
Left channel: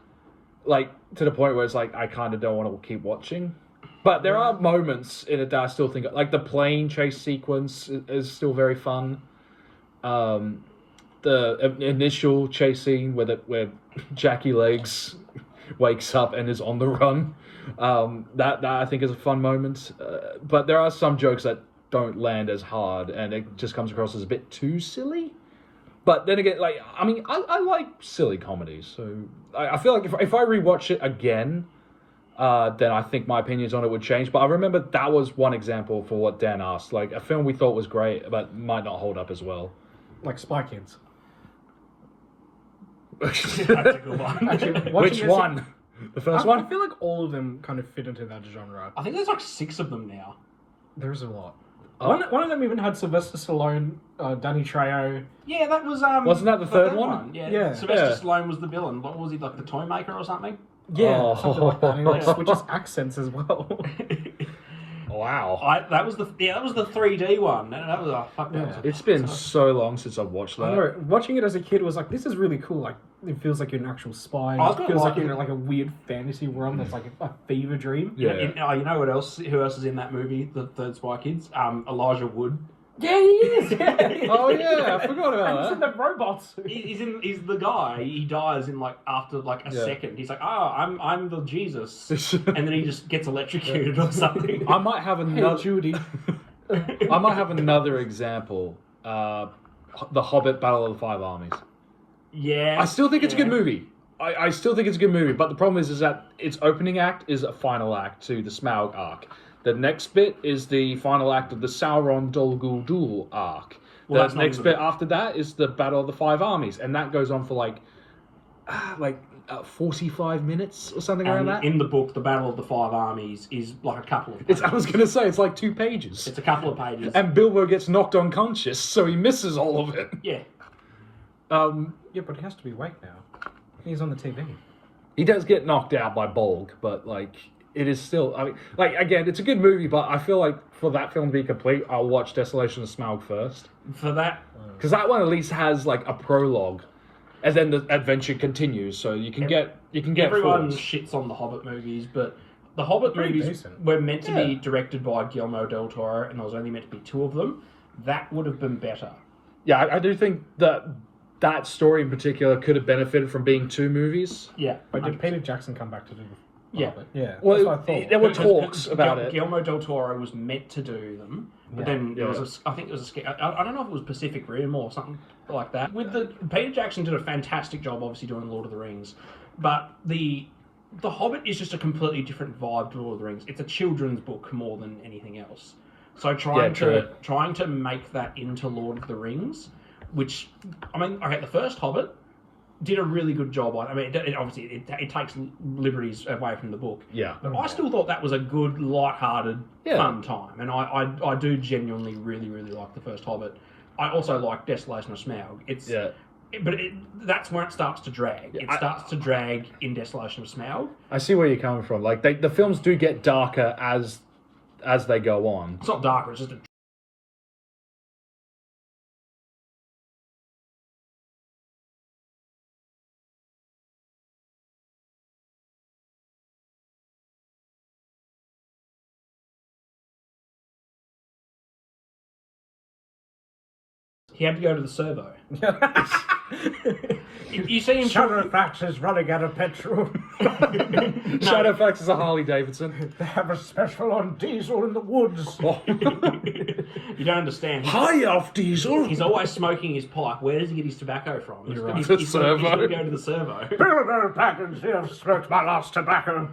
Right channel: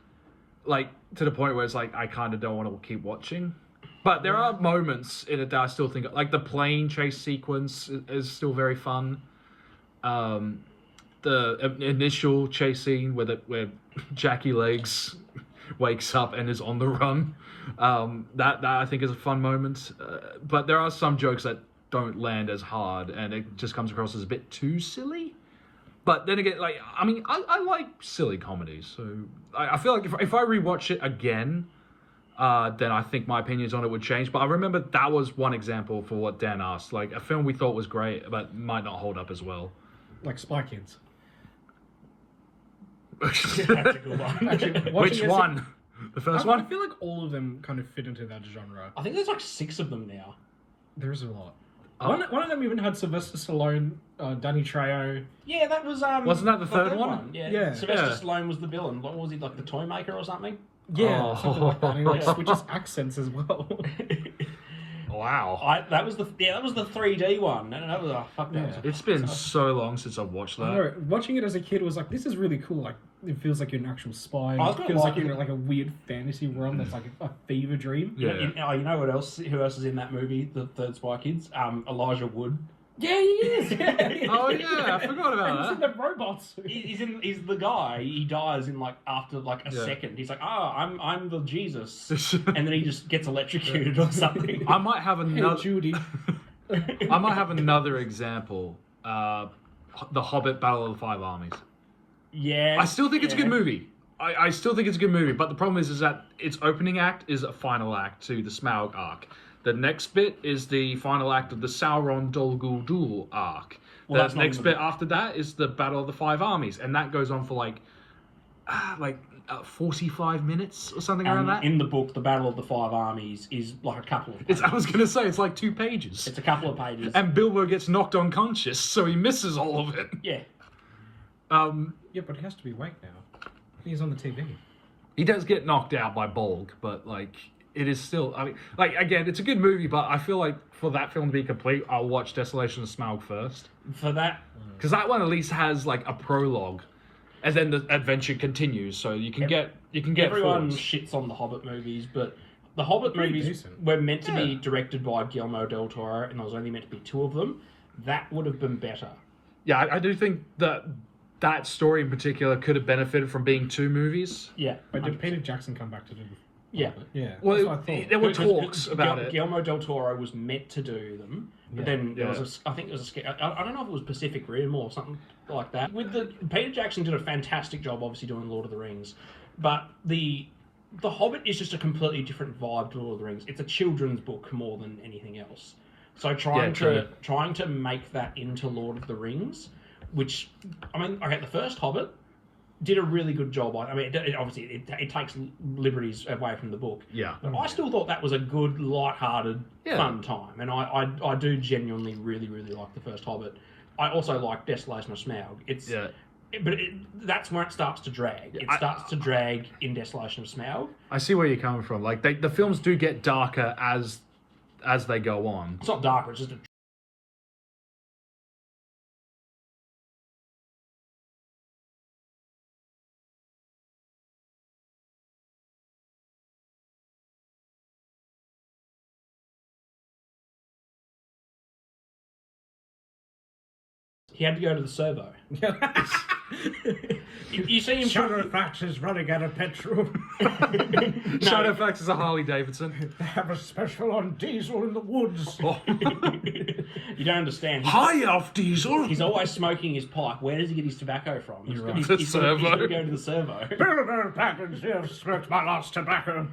Like, to the point where it's like, I kind of don't want to keep watching. But there are moments in it that I still think, like the plane chase sequence is still very fun. The initial chase scene where Jackie Legs wakes up and is on the run, that I think is a fun moment. But there are some jokes that don't land as hard, and it just comes across as a bit too silly. But then again, like, I mean, I like silly comedies, so I feel like if I rewatch it again, then I think my opinions on it would change. But I remember that was one example for what Dan asked, like a film we thought was great, but might not hold up as well. Like Spy Kids. That's a good one. Actually, Which one? The first I one? feel like all of them kind of fit into that genre. I think there's like 6 of them now. There's a lot. One of them even had Sylvester Stallone, Danny Trejo. Yeah, that was Wasn't that the third one? Yeah. Yeah. Sylvester Yeah. Stallone was the villain. What was he, like the toy maker or something? Yeah, Oh. something like that. And he like switches accents as well. Oh, Wow. That was the 3D one. That was fuck. That Yeah. was It's been so long since I've watched I that. know. Watching it as a kid was like, this is really cool. Like, it feels like you're an actual spy. I was It gonna feels like like you're it. in like a weird fantasy world that's like a fever dream. Yeah. You know what else? Who else is in that movie? The third Spy Kids. Elijah Wood. Yeah, he is. Yeah. Oh yeah, I forgot And about he's in that. the robots. He's the guy. He dies in like after like a Yeah. second. He's like, I'm the Jesus, and then he just gets electrocuted or something. I might have Hey, another. Judy. I might have another example. The Hobbit: Battle of the Five Armies. Yeah, I still think it's a good yeah. movie. I still think it's a good movie, but the problem is that its opening act is a final act to the Smaug arc. The next bit is the final act of the Sauron Dol Guldur arc. Well, that's The not next in bit the- after that is the Battle of the Five Armies, and that goes on for 45 minutes or something And like that. in the book, the Battle of the Five Armies is like a couple of It's, pages. I was going to say, it's like 2 pages. It's a couple of pages. And Bilbo gets knocked unconscious, so he misses all of it. Yeah. Yeah, but he has to be awake now. He's on the TV. He does get knocked out by Bolg, but it is still. I mean, again, it's a good movie, but I feel like for that film to be complete, I'll watch Desolation of Smaug first, For that, because that one at least has like a prologue, and then the adventure continues, so you can get everyone thoughts. shits on the Hobbit movies, but the Hobbit Pretty movies decent. were meant to be directed by Guillermo del Toro, and there was only meant to be 2 of them. That would have been better. Yeah, I do think that story in particular could have benefited from being 2 movies. Yeah. But did Peter Jackson come back to do the Yeah. Hobbit? Yeah. Well, that's what I thought. there were Because talks about it. Guillermo del Toro was meant to do them, but Yeah. then there Yeah. was I think it was I don't know if it was Pacific Rim or something like that. With Peter Jackson did a fantastic job, obviously doing Lord of the Rings, but the Hobbit is just a completely different vibe to Lord of the Rings. It's a children's book more than anything else. So trying true. to make that into Lord of the Rings, which I mean, okay, the first Hobbit did a really good job on. I mean, obviously it takes liberties away from the book. Yeah. But I still thought that was a good, light-hearted, Yeah. fun time, and I do genuinely really like the first Hobbit. I also like Desolation of Smaug. It's Yeah. that's where it starts to drag. It starts to drag in Desolation of Smaug. I see where you're coming from. Like the films do get darker as they go on. It's not darker. It's just a he had to go to the servo. You see him. Shadowfax is running out of petrol. Shadowfax is a Harley Davidson. They have a special on diesel in the woods. You don't understand. High off diesel. He's always smoking his pipe. Where does he get his tobacco from? You're right. He's, The he's gotta servo. go to the servo. Bilbo Baggins here smoked my last tobacco.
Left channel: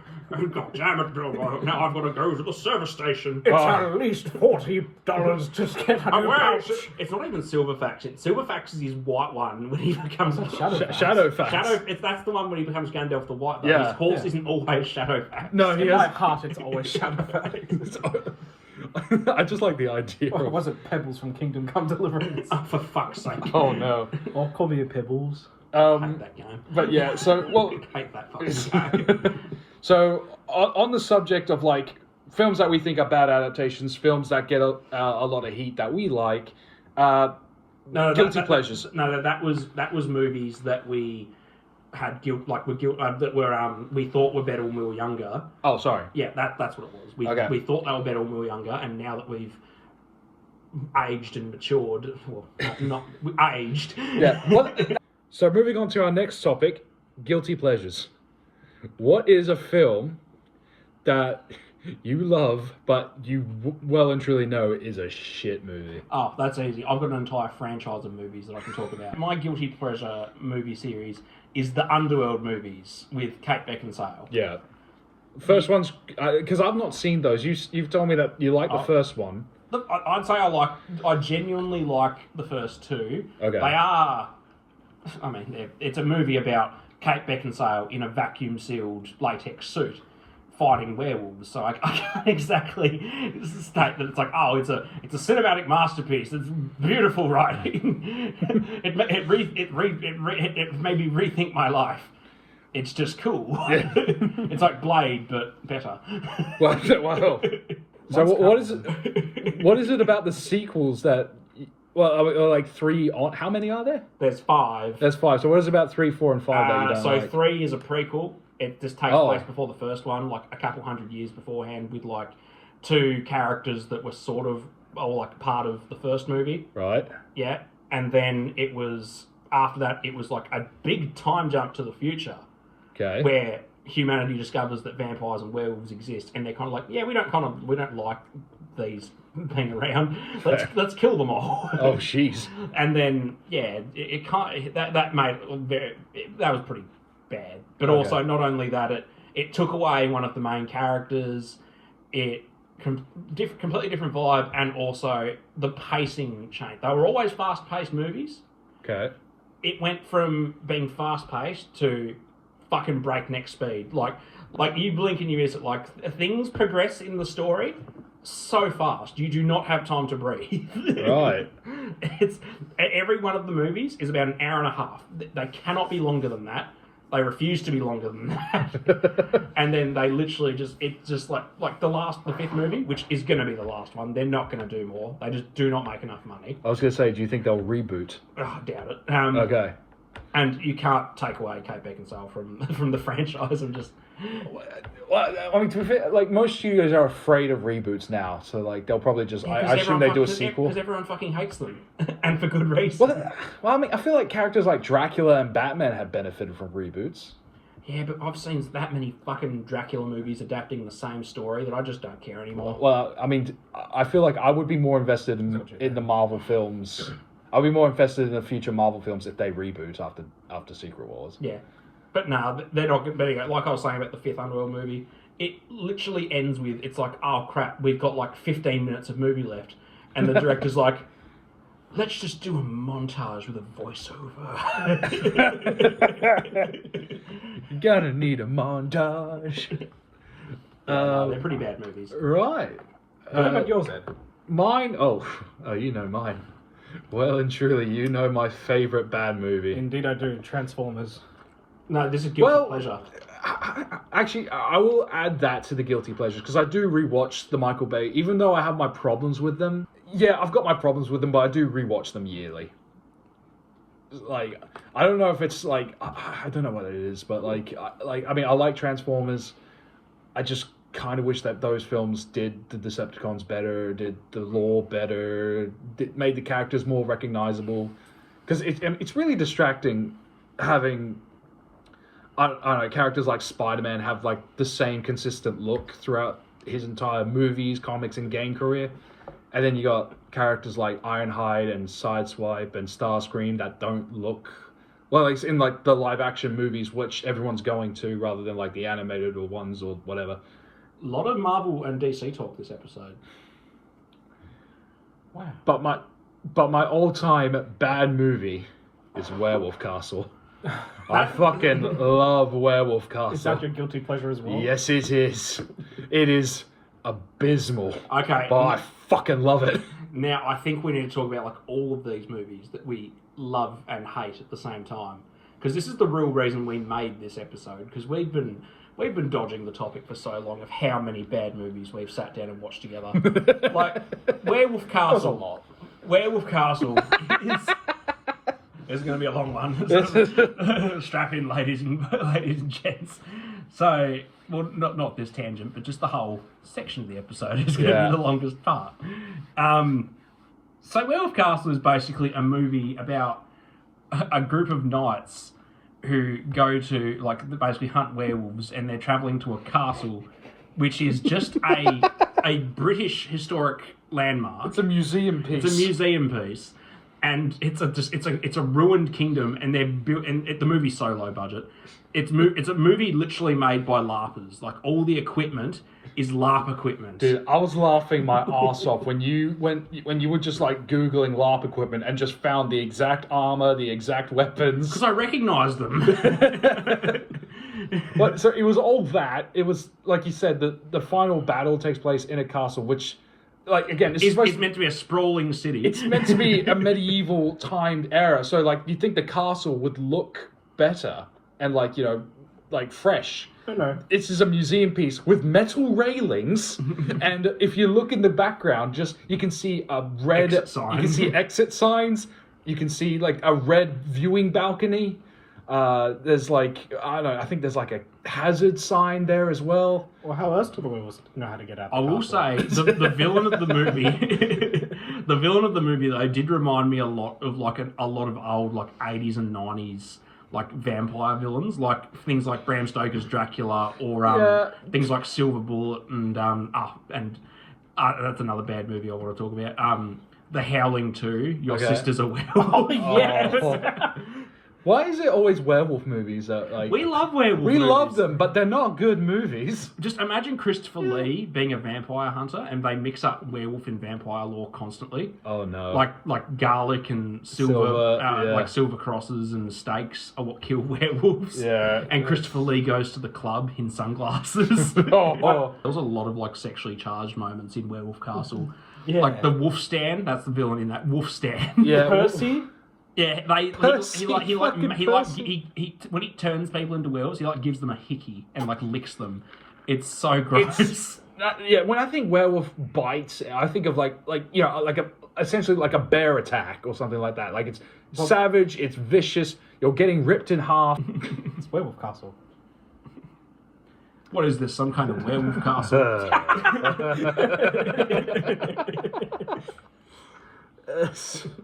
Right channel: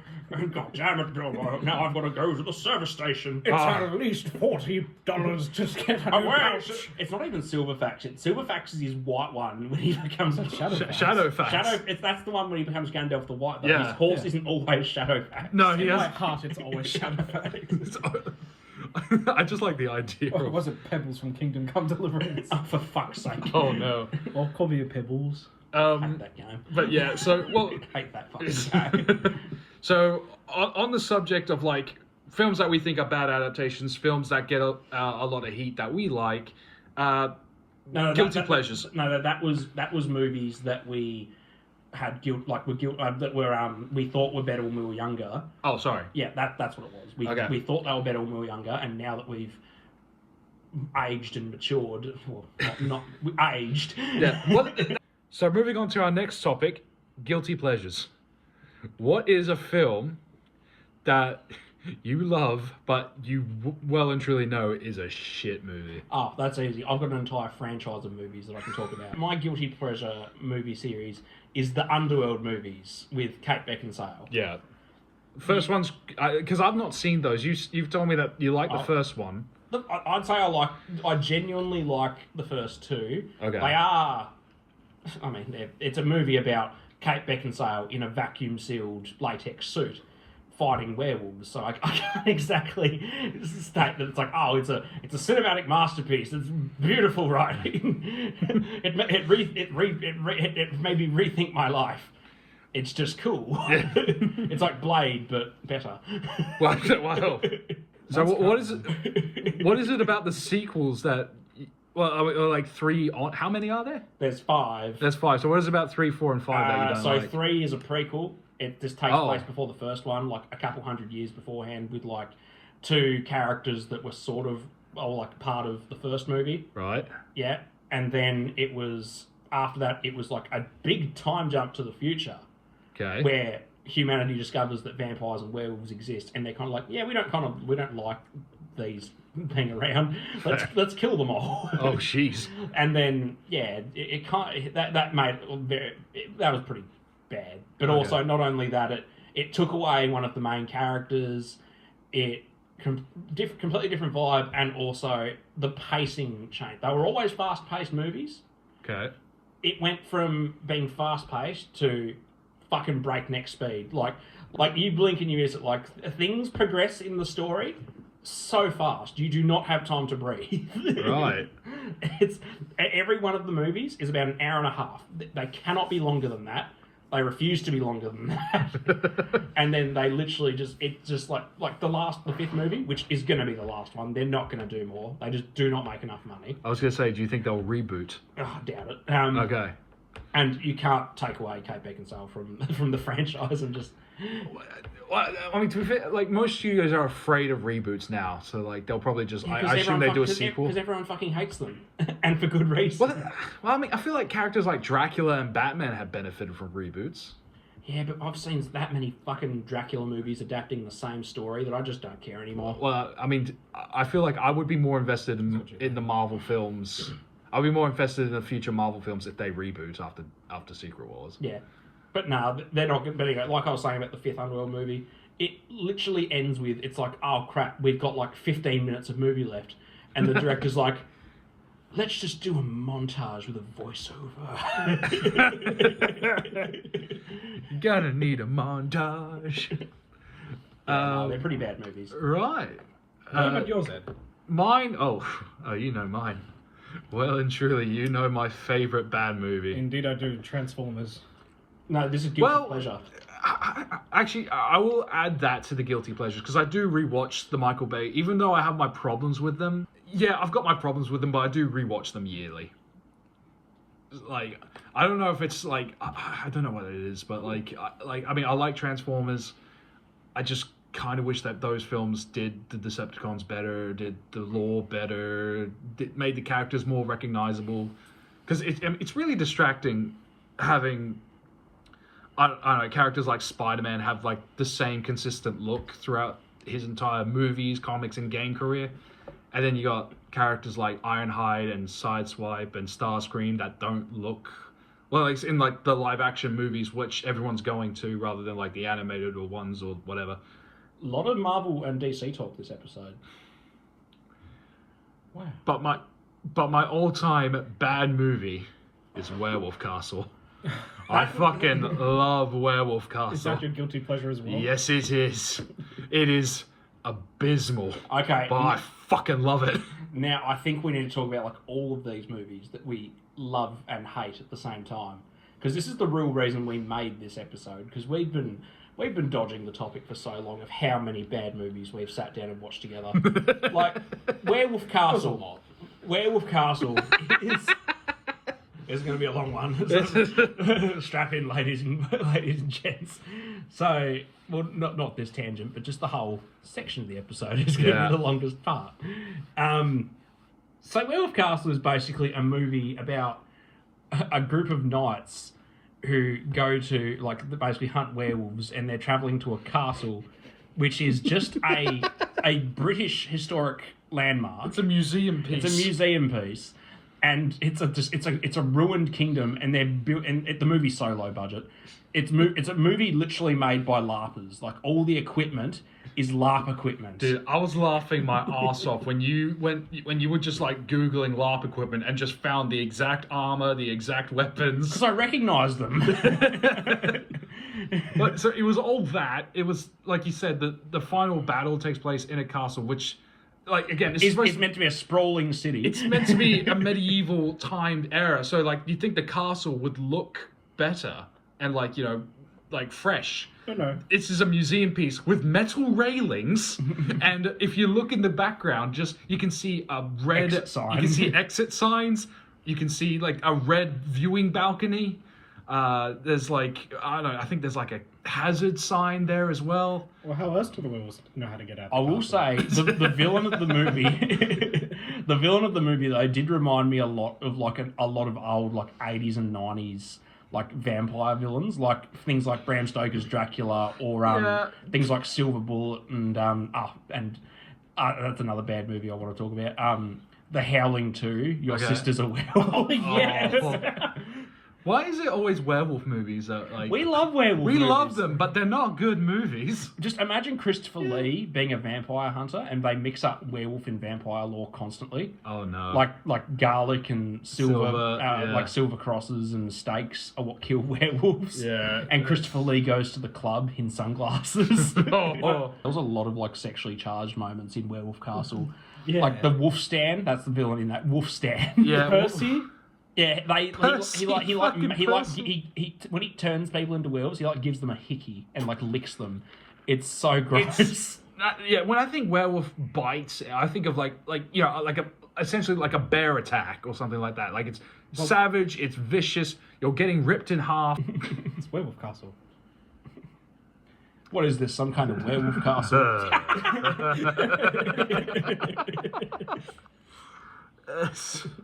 God damn it, Bilbo. Now I've got to go to the service station. It's at least $40 to get a new Well, pouch. it's not even Silverfax. Silverfax is his white one when he becomes Shadowfax. That's the one when he becomes Gandalf the White. Though. Yeah. His horse Yeah. isn't always Shadowfax. No, he In my has. heart, it's always Shadowfax. I just like the idea. Or was it Pebbles from Kingdom Come Deliverance? Oh, for fuck's sake. Oh no. Or call me a Pebbles. I hate that game. But yeah, so well, I hate that fucking game. so on the subject of like films that we think are bad adaptations, films that get a lot of heat that we like, guilty pleasures. No, that was movies that we had guilt that were we thought were better when we were younger. Oh, sorry. Yeah, that's what it was. Okay. We thought they were better when we were younger, and now that we've aged and matured, well, not we aged. Yeah. Well, so moving on to our next topic, guilty pleasures. What is a film that you love, but you well and truly know is a shit movie? Oh, that's easy. I've got an entire franchise of movies that I can talk about. My guilty pleasure movie series is the Underworld movies with Kate Beckinsale. Yeah. First one's because I've not seen those. You've told me that you like the first one. Look, I'd say I genuinely like the first 2. Okay. They are, I mean, it's a movie about Kate Beckinsale in a vacuum-sealed latex suit fighting werewolves. So I can't exactly state that it's like, oh, it's a cinematic masterpiece. It's beautiful writing. it made me rethink my life. It's just cool. It's like Blade, but better. Well, So Mine's what is it? What is it about the sequels that? Well, are like three. How many are there? There's 5. There's 5. So what is about 3, 4, and 5 that you don't So like? 3 is a prequel. It just takes Oh. place before the first one, like a couple hundred years beforehand, with like 2 characters that were sort of like part of the first movie. Right. Yeah, and then it was after that. It was like a big time jump to the future, Okay. where humanity discovers that vampires and werewolves exist, and they're kind of like, yeah, we don't like these being around. Let's kill them all. Oh, jeez. And then it kind that made that was pretty bad. But also, not only that, it took away one of the main characters. It completely different vibe, and also the pacing changed. They were always fast-paced movies. Okay. It went from being fast-paced to fucking breakneck speed. Like you blink and you miss it. Like things progress in the story so fast, you do not have time to breathe. Right. It's every one of the movies is about an hour and a half. They cannot be longer than that. They refuse to be longer than that. And then they literally just like the 5th movie, which is going to be the last one. They're not going to do more. They just do not make enough money. I was going to say, do you think they'll reboot? Oh, I doubt it. Okay. And you can't take away Kate Beckinsale from the franchise and just. Well, I mean, to be fair, like most studios are afraid of reboots now, so like they'll probably just. I assume they do a sequel because everyone fucking hates them, and for good reason. Well, I mean, I feel like characters like Dracula and Batman have benefited from reboots. Yeah, but I've seen that many fucking Dracula movies adapting the same story that I just don't care anymore. Well, I mean, I feel like I would be more invested in the Marvel films. I'd be more invested in the future Marvel films if they reboot after Secret Wars. Yeah. But no, they're not going to. Like I was saying about the 5th Underworld movie, it literally ends with, it's like, oh crap, we've got like 15 minutes of movie left. And the director's like, let's just do a montage with a voiceover. You're gonna need a montage. No, they're pretty bad movies. Right. What about yours, Ed? Mine? Oh, you know mine. Well and truly, you know my favourite bad movie. Indeed, I do. Transformers. No, this is guilty pleasure. Actually, I will add that to the guilty pleasures because I do rewatch the Michael Bay, even though I have my problems with them. Yeah, I've got my problems with them, but I do rewatch them yearly. Like, I don't know if it's like, I don't know what it is, but I mean, I like Transformers. I just kind of wish that those films did the Decepticons better, did the lore better, made the characters more recognizable. Because it's really distracting having, I don't know, characters like Spider-Man have like the same consistent look throughout his entire movies, comics, and game career. And then you got characters like Ironhide and Sideswipe and Starscream that don't look well. It's in like the live-action movies, which everyone's going to, rather than like the animated or ones or whatever. A lot of Marvel and DC talk this episode. Wow. But my all-time bad movie is Werewolf Castle. I fucking love Werewolf Castle. Is that your guilty pleasure as well? Yes, it is. It is abysmal. Okay. But I fucking love it. Now, I think we need to talk about like all of these movies that we love and hate at the same time, because this is the real reason we made this episode. Because we've been dodging the topic for so long of how many bad movies we've sat down and watched together. Like Werewolf Castle. a lot. Werewolf Castle is. There's going to be a long one. Strap in, ladies and gents. So, well, not this tangent, but just the whole section of the episode is going to be the longest part. So, Werewolf Castle is basically a movie about a group of knights who go to, like, basically hunt werewolves, and they're travelling to a castle, which is just a British historic landmark. It's a museum piece. It's a museum piece. And it's a ruined kingdom, and they're built. And the movie's so low budget. It's a movie literally made by LARPers. Like all the equipment is LARP equipment. Dude, I was laughing my ass off when you were just like Googling LARP equipment and just found the exact armor, the exact weapons. Because I recognised them. But so it was all that. It was like you said, the final battle takes place in a castle, which, like, again, It's meant to be a sprawling city. It's meant to be a medieval timed era, so like you think the castle would look better and like, you know, like fresh. No. This is a museum piece with metal railings, and if you look in the background, you can see a red. Exit signs. You can see exit signs. You can see like a red viewing balcony. There's like I don't know. I think there's like a hazard sign there as well. Well, how else do the werewolves know how to get out? I will say the villain of the movie, the villain of the movie though did remind me a lot of like a lot of old like 80s and 90s like vampire villains, like things like Bram Stoker's Dracula or things like Silver Bullet and that's another bad movie I want to talk about. The Howling 2, Your Okay. Sister's a Werewolf. Oh, yes. Why is it always werewolf movies that like We love werewolf we movies. love them, but they're not good movies? Just imagine Christopher Lee being a vampire hunter and they mix up werewolf and vampire lore constantly. Oh no! Like garlic and silver, yeah. like silver crosses and stakes are what kill werewolves. Yeah. And Christopher Lee goes to the club in sunglasses. Oh. There was a lot of like sexually charged moments in Werewolf Castle. Yeah. Like the Wolf Stan, that's the villain in that. Wolf Stan. yeah, Percy? Yeah, Percy, he Percy. when he turns people into werewolves, he like gives them a hickey and like licks them. It's so gross. Yeah, when I think werewolf bites, I think of like essentially like a bear attack or something like that. Like it's savage, it's vicious. You're getting ripped in half. It's Werewolf Castle. What is this? Some kind of werewolf castle?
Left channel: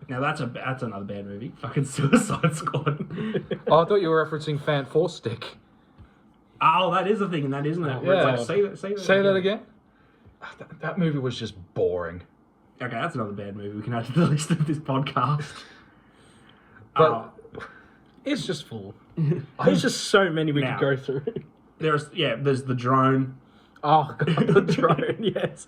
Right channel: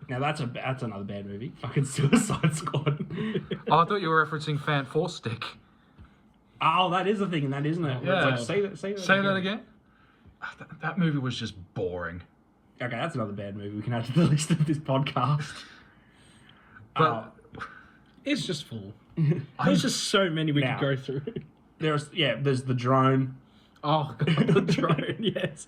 Now that's another bad movie. Fucking Suicide Squad. Oh, I thought you were referencing Fan Four Stick. Oh, that is a thing, and that isn't it? Where it's Yeah. like, say that again. That movie was just boring. Okay, that's another bad movie we can add to the list of this podcast. But- It's just full. There's just so many we Now. could go through. There's the drone. Oh, God, the drone, yes.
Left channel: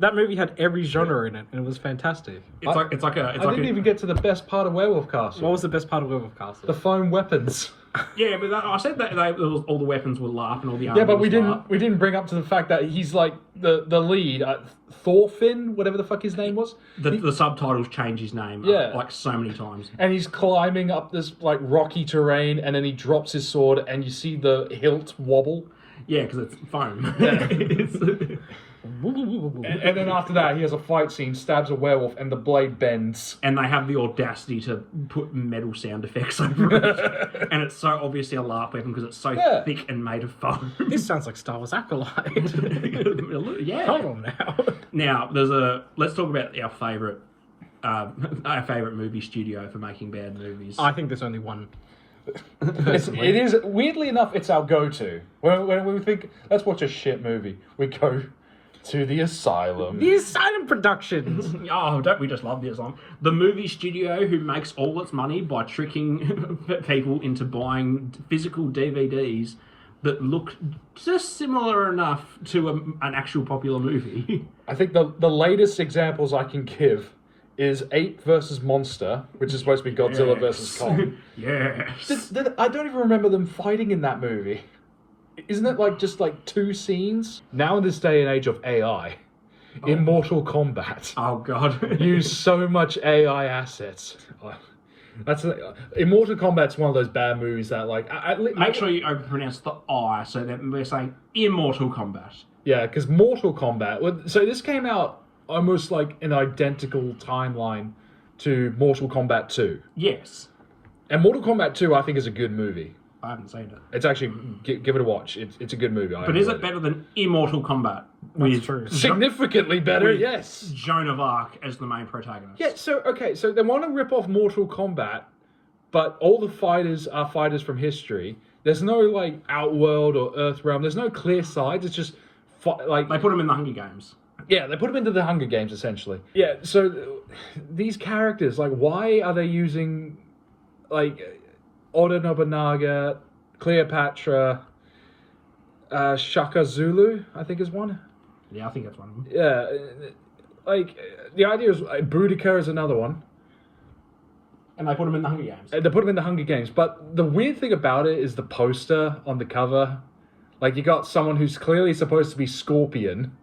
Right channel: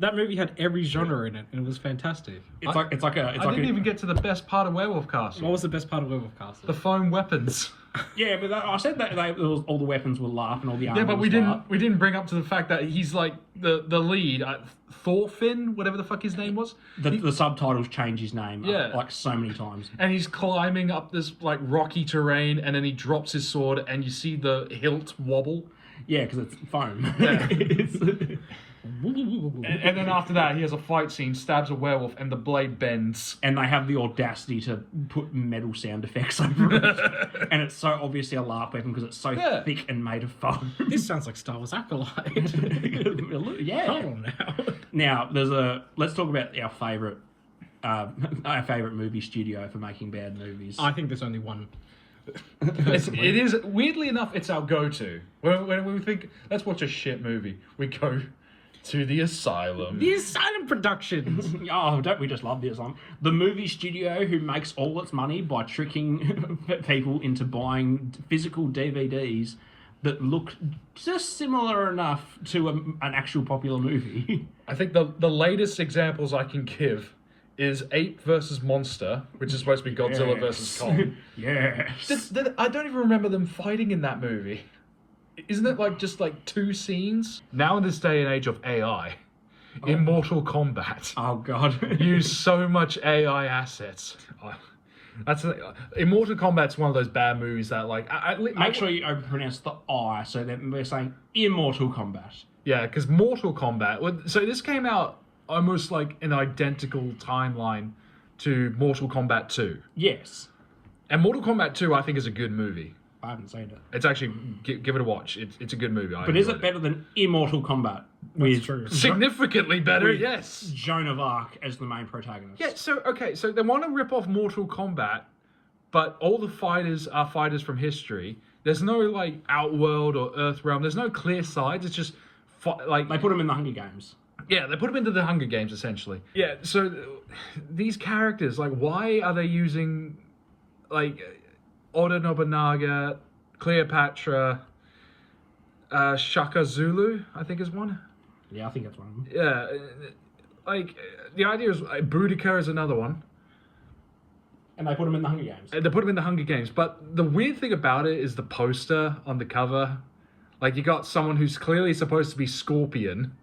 That movie had every genre in it, and it was fantastic. It's like I didn't even get to the best part of Werewolf Castle. What was the best part of Werewolf Castle? The foam weapons? yeah, but I said that all the weapons were LARP and all the armor Yeah, but was LARP. we didn't bring up to the fact that he's like the lead, Thorfinn, whatever the fuck his name was. The subtitles change his name Yeah. like so many times. And he's climbing up this like rocky terrain, and then he drops his sword, and you see the hilt wobble. Yeah, because it's foam. And then after that, he has a fight scene, stabs a werewolf, and the blade bends. And they have the audacity to put metal sound effects over it. And it's so obviously a LARP weapon because it's so Yeah. thick and made of foam. This sounds like Star Wars Acolyte. yeah. Come on now. Now, let's talk about our favourite movie studio for making bad movies. I think there's only one. It is, weirdly enough, it's our go-to. When we think, let's watch a shit movie, we go to the Asylum. The Asylum Productions. Oh, don't we just love this one? The movie studio who makes all its money by tricking people into buying physical DVDs that look just similar enough to an actual popular movie. I think the latest examples I can give is Ape versus Monster, which is supposed to be Godzilla versus Kong. Yes. I don't even remember them fighting in that movie. Isn't it like just like two scenes? Now in this day and age of AI, in Mortal Kombat, Oh, God. use so much AI assets. In Mortal Kombat's one of those bad movies that like Make sure you overpronounce the I so that we're saying Immortal Kombat. Yeah, because Mortal Kombat. So this came out almost like an identical timeline to Mortal Kombat 2. Yes. And Mortal Kombat 2, I think, is a good movie. I haven't seen it. It's actually give it a watch. It's a good movie. But is it better than Immortal Kombat? With true. Significantly better, with yes. Joan of Arc as the main protagonist. Yeah. So they want to rip off Mortal Kombat, but all the fighters are fighters from history. There's no like Outworld or Earthrealm. There's no clear sides. It's just like They put them in the Hunger Games. yeah, they put them into the Hunger Games essentially. Yeah. So these characters, like, why are they using like Oda Nobunaga, Cleopatra, Shaka Zulu, I think is one. Yeah, I think that's one of them. Yeah, like the idea is Boudica is another one. And they put them in the Hunger Games. They put them in the Hunger Games, but the weird thing about it is the poster on the cover. Like you got someone who's clearly supposed to be Scorpion,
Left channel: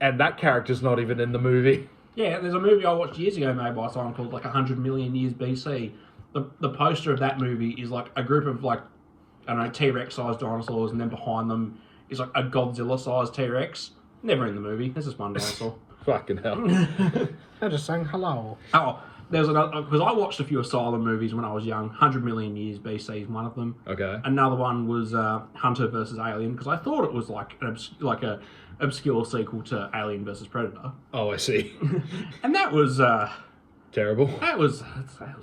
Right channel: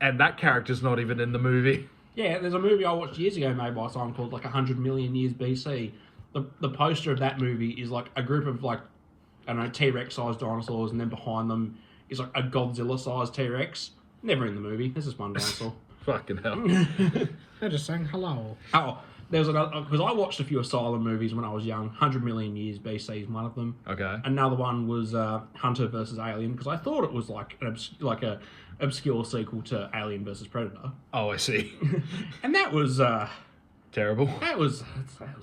and that character's not even in the movie. Yeah, there's a movie I watched years ago made by someone called like 100 Million Years BC. The poster of that movie is like a group of like I don't know, T-Rex sized dinosaurs, and then behind them is like a Godzilla sized T-Rex. Never in the movie. There's just one dinosaur. Fucking hell. They're just saying hello. Oh, there's another, because I watched a few Asylum movies when I was young. 100 Million Years BC is one of them. Okay. Another one was Hunter versus Alien, because I thought it was like a obscure sequel to Alien versus Predator, Oh, I see. and that was Terrible. that was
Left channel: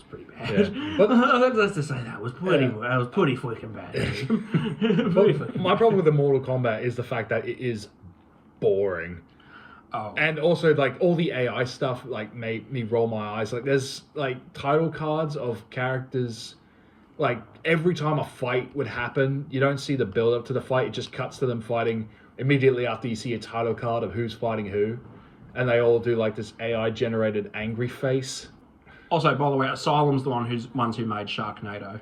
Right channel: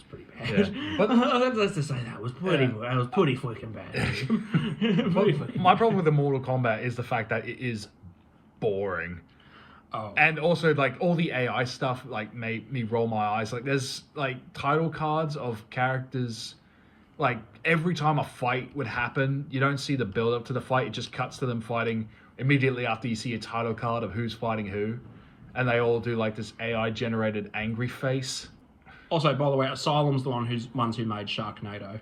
pretty bad. Yeah. Let's just say that was pretty fucking bad. Pretty fucking My problem with the Mortal Kombat is the fact that it is boring. Oh. And also, like, all the AI stuff, like, made me roll my eyes. Like, there's, like, title cards of characters. Like, every time a fight would happen, you don't see the build-up to the fight. It just cuts to them fighting immediately after you see a title card of who's fighting who. And they all do, like, this AI-generated angry face. Also, by the way, Asylum's the ones who made Sharknado.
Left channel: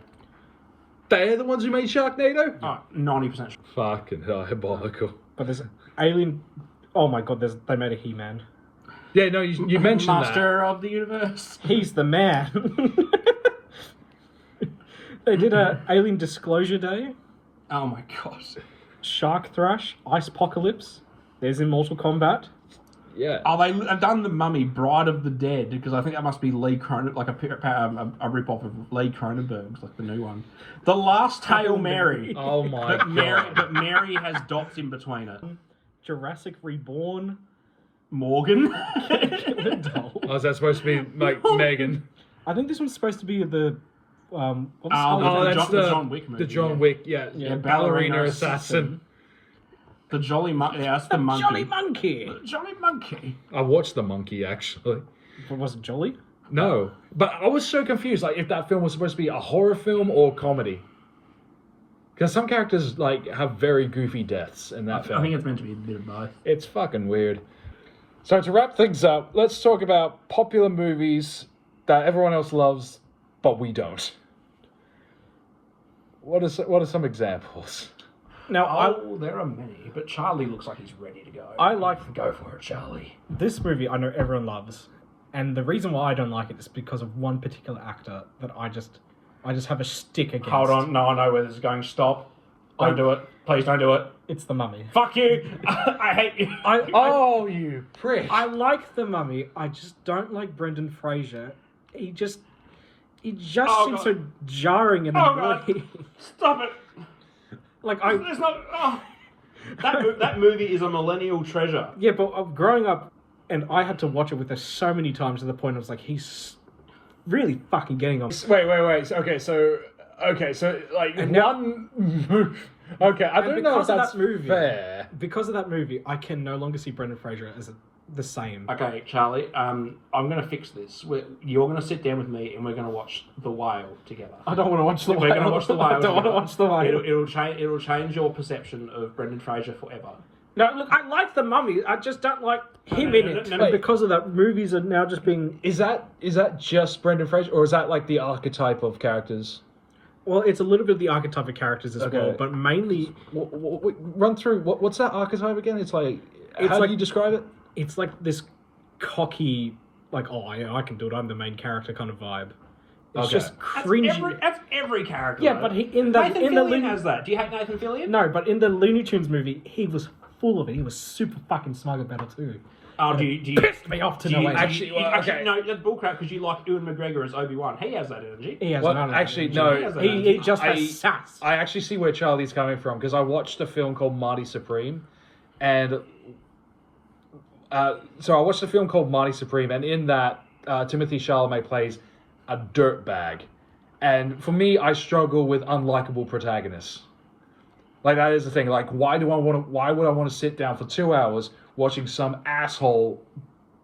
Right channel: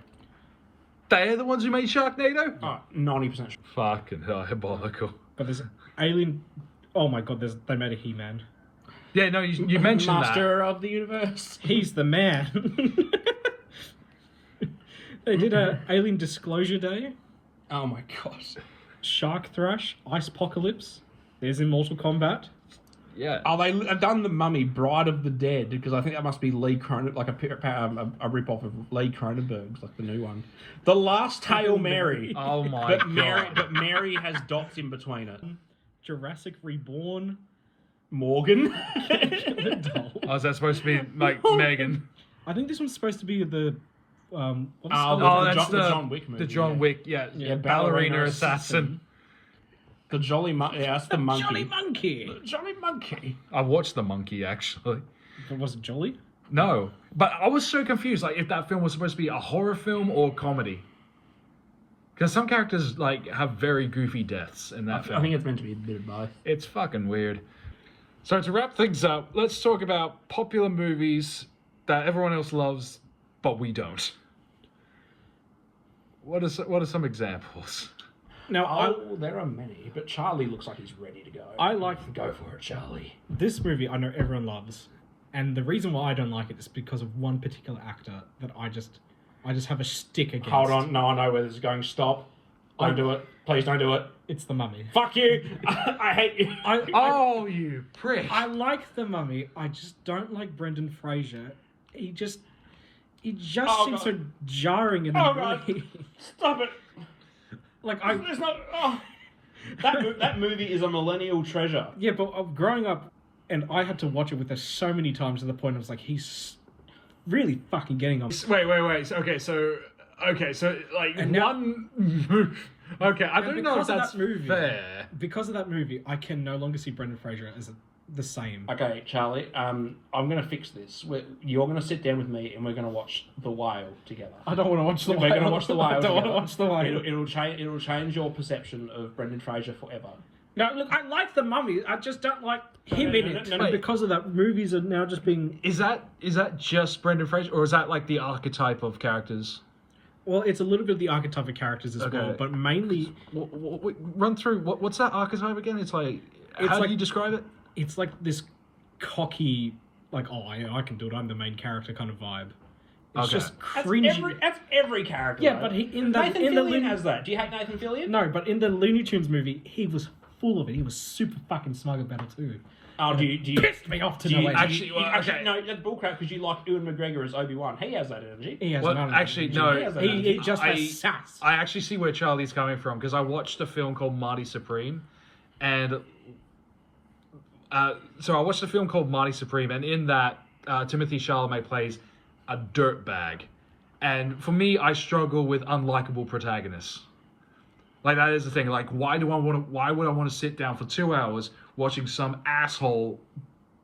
They're the ones who made Sharknado? Oh, 90% sure. Fucking diabolical. But there's Alien. Oh my god, they made a He-Man. Yeah, no, you mentioned Master of the Universe. He's the man. They did a Alien Disclosure Day, Oh my god. Shark Thrash, Ice Apocalypse. There's Immortal Kombat. that. Yeah. Oh, they've done the Mummy, Bride of the Dead, because I think that must be Lee Cronenberg, like a rip-off of Lee Cronenberg's, like the new one. The Last Hail Mary. Oh my but god. Mary has dots in between it. Jurassic Reborn. Morgan. Oh, is that supposed to be, like, Megan? I think this one's supposed to be the what's it Oh, called? the John Wick movie. The John yeah. Wick, yeah. Yeah, Ballerina Assassin. The Jolly Monkey. Yeah, that's the monkey. Jolly Monkey. Jolly Monkey. I watched The Monkey, actually. But was it Jolly? No. But I was so confused, like, if that film was supposed to be a horror film or comedy. Because some characters, like, have very goofy deaths in that film. I think it's meant to be a bit of both. It's fucking weird. So to wrap things up, let's talk about popular movies that everyone else loves, but we don't. What are some examples? Now, There are many, but Charlie looks like he's ready to go. I like Go for it, Charlie. this movie. I know everyone loves, and the reason why I don't like it is because of one particular actor that I just have a stick against. Hold on, no, I know where this is going. Stop. Don't do it. Please don't do it. It's the Mummy. Fuck you. I hate you. Oh, you prick. I like the Mummy. I just don't like Brendan Fraser. He just seems God. so jarring and Oh, God. annoying. Stop it. Like There's not. Oh. That movie is a millennial treasure. yeah, but growing up, and I had to watch it with her so many times to the point I was like, he's really fucking getting on. Wait. Okay, so like And now- one. Okay, I don't know if because of that's that movie, fair. because of that movie, I can no longer see Brendan Fraser as the same. Okay, Charlie. I'm gonna fix this. You're gonna sit down with me, and we're gonna watch The Whale together. I don't want to watch the We're Whale. gonna watch The Whale. I don't want to watch the Whale. It'll change your perception of Brendan Fraser forever. No, look, I like the Mummy. I just don't like him no, in no, it. no, no. And because of that, movies are now just being. Is that just Brendan Fraser, or is that like the archetype of characters? Well, it's a little bit of the archetype of characters as well, but mainly Run through what's that archetype again? It's like how like- do you describe it? it's like this cocky, like, oh, yeah, I can do it. I'm the main character kind of vibe. It's Okay. just That's cringy. every character. Yeah, though. but in Nathan the Fillion Looney has that. Do you hate Nathan Fillion? no, but in the Looney Tunes movie, he was full of it. He was super fucking smug about it too. Oh, do you Pissed me off to do no you, end. actually- okay. no, that's bullcrap because you like Ewan McGregor as Obi-Wan. He has that energy. He has Well, none of that actually, energy. no. He has that He energy. just has sass. I actually see where Charlie's coming from because I watched a film called Marty Supreme, and so I watched a film called Marty Supreme, and in that Timothy Chalamet plays a dirtbag, and for me, I struggle with unlikable protagonists. Like that is the thing. Like, why would I want to sit down for 2 hours watching some asshole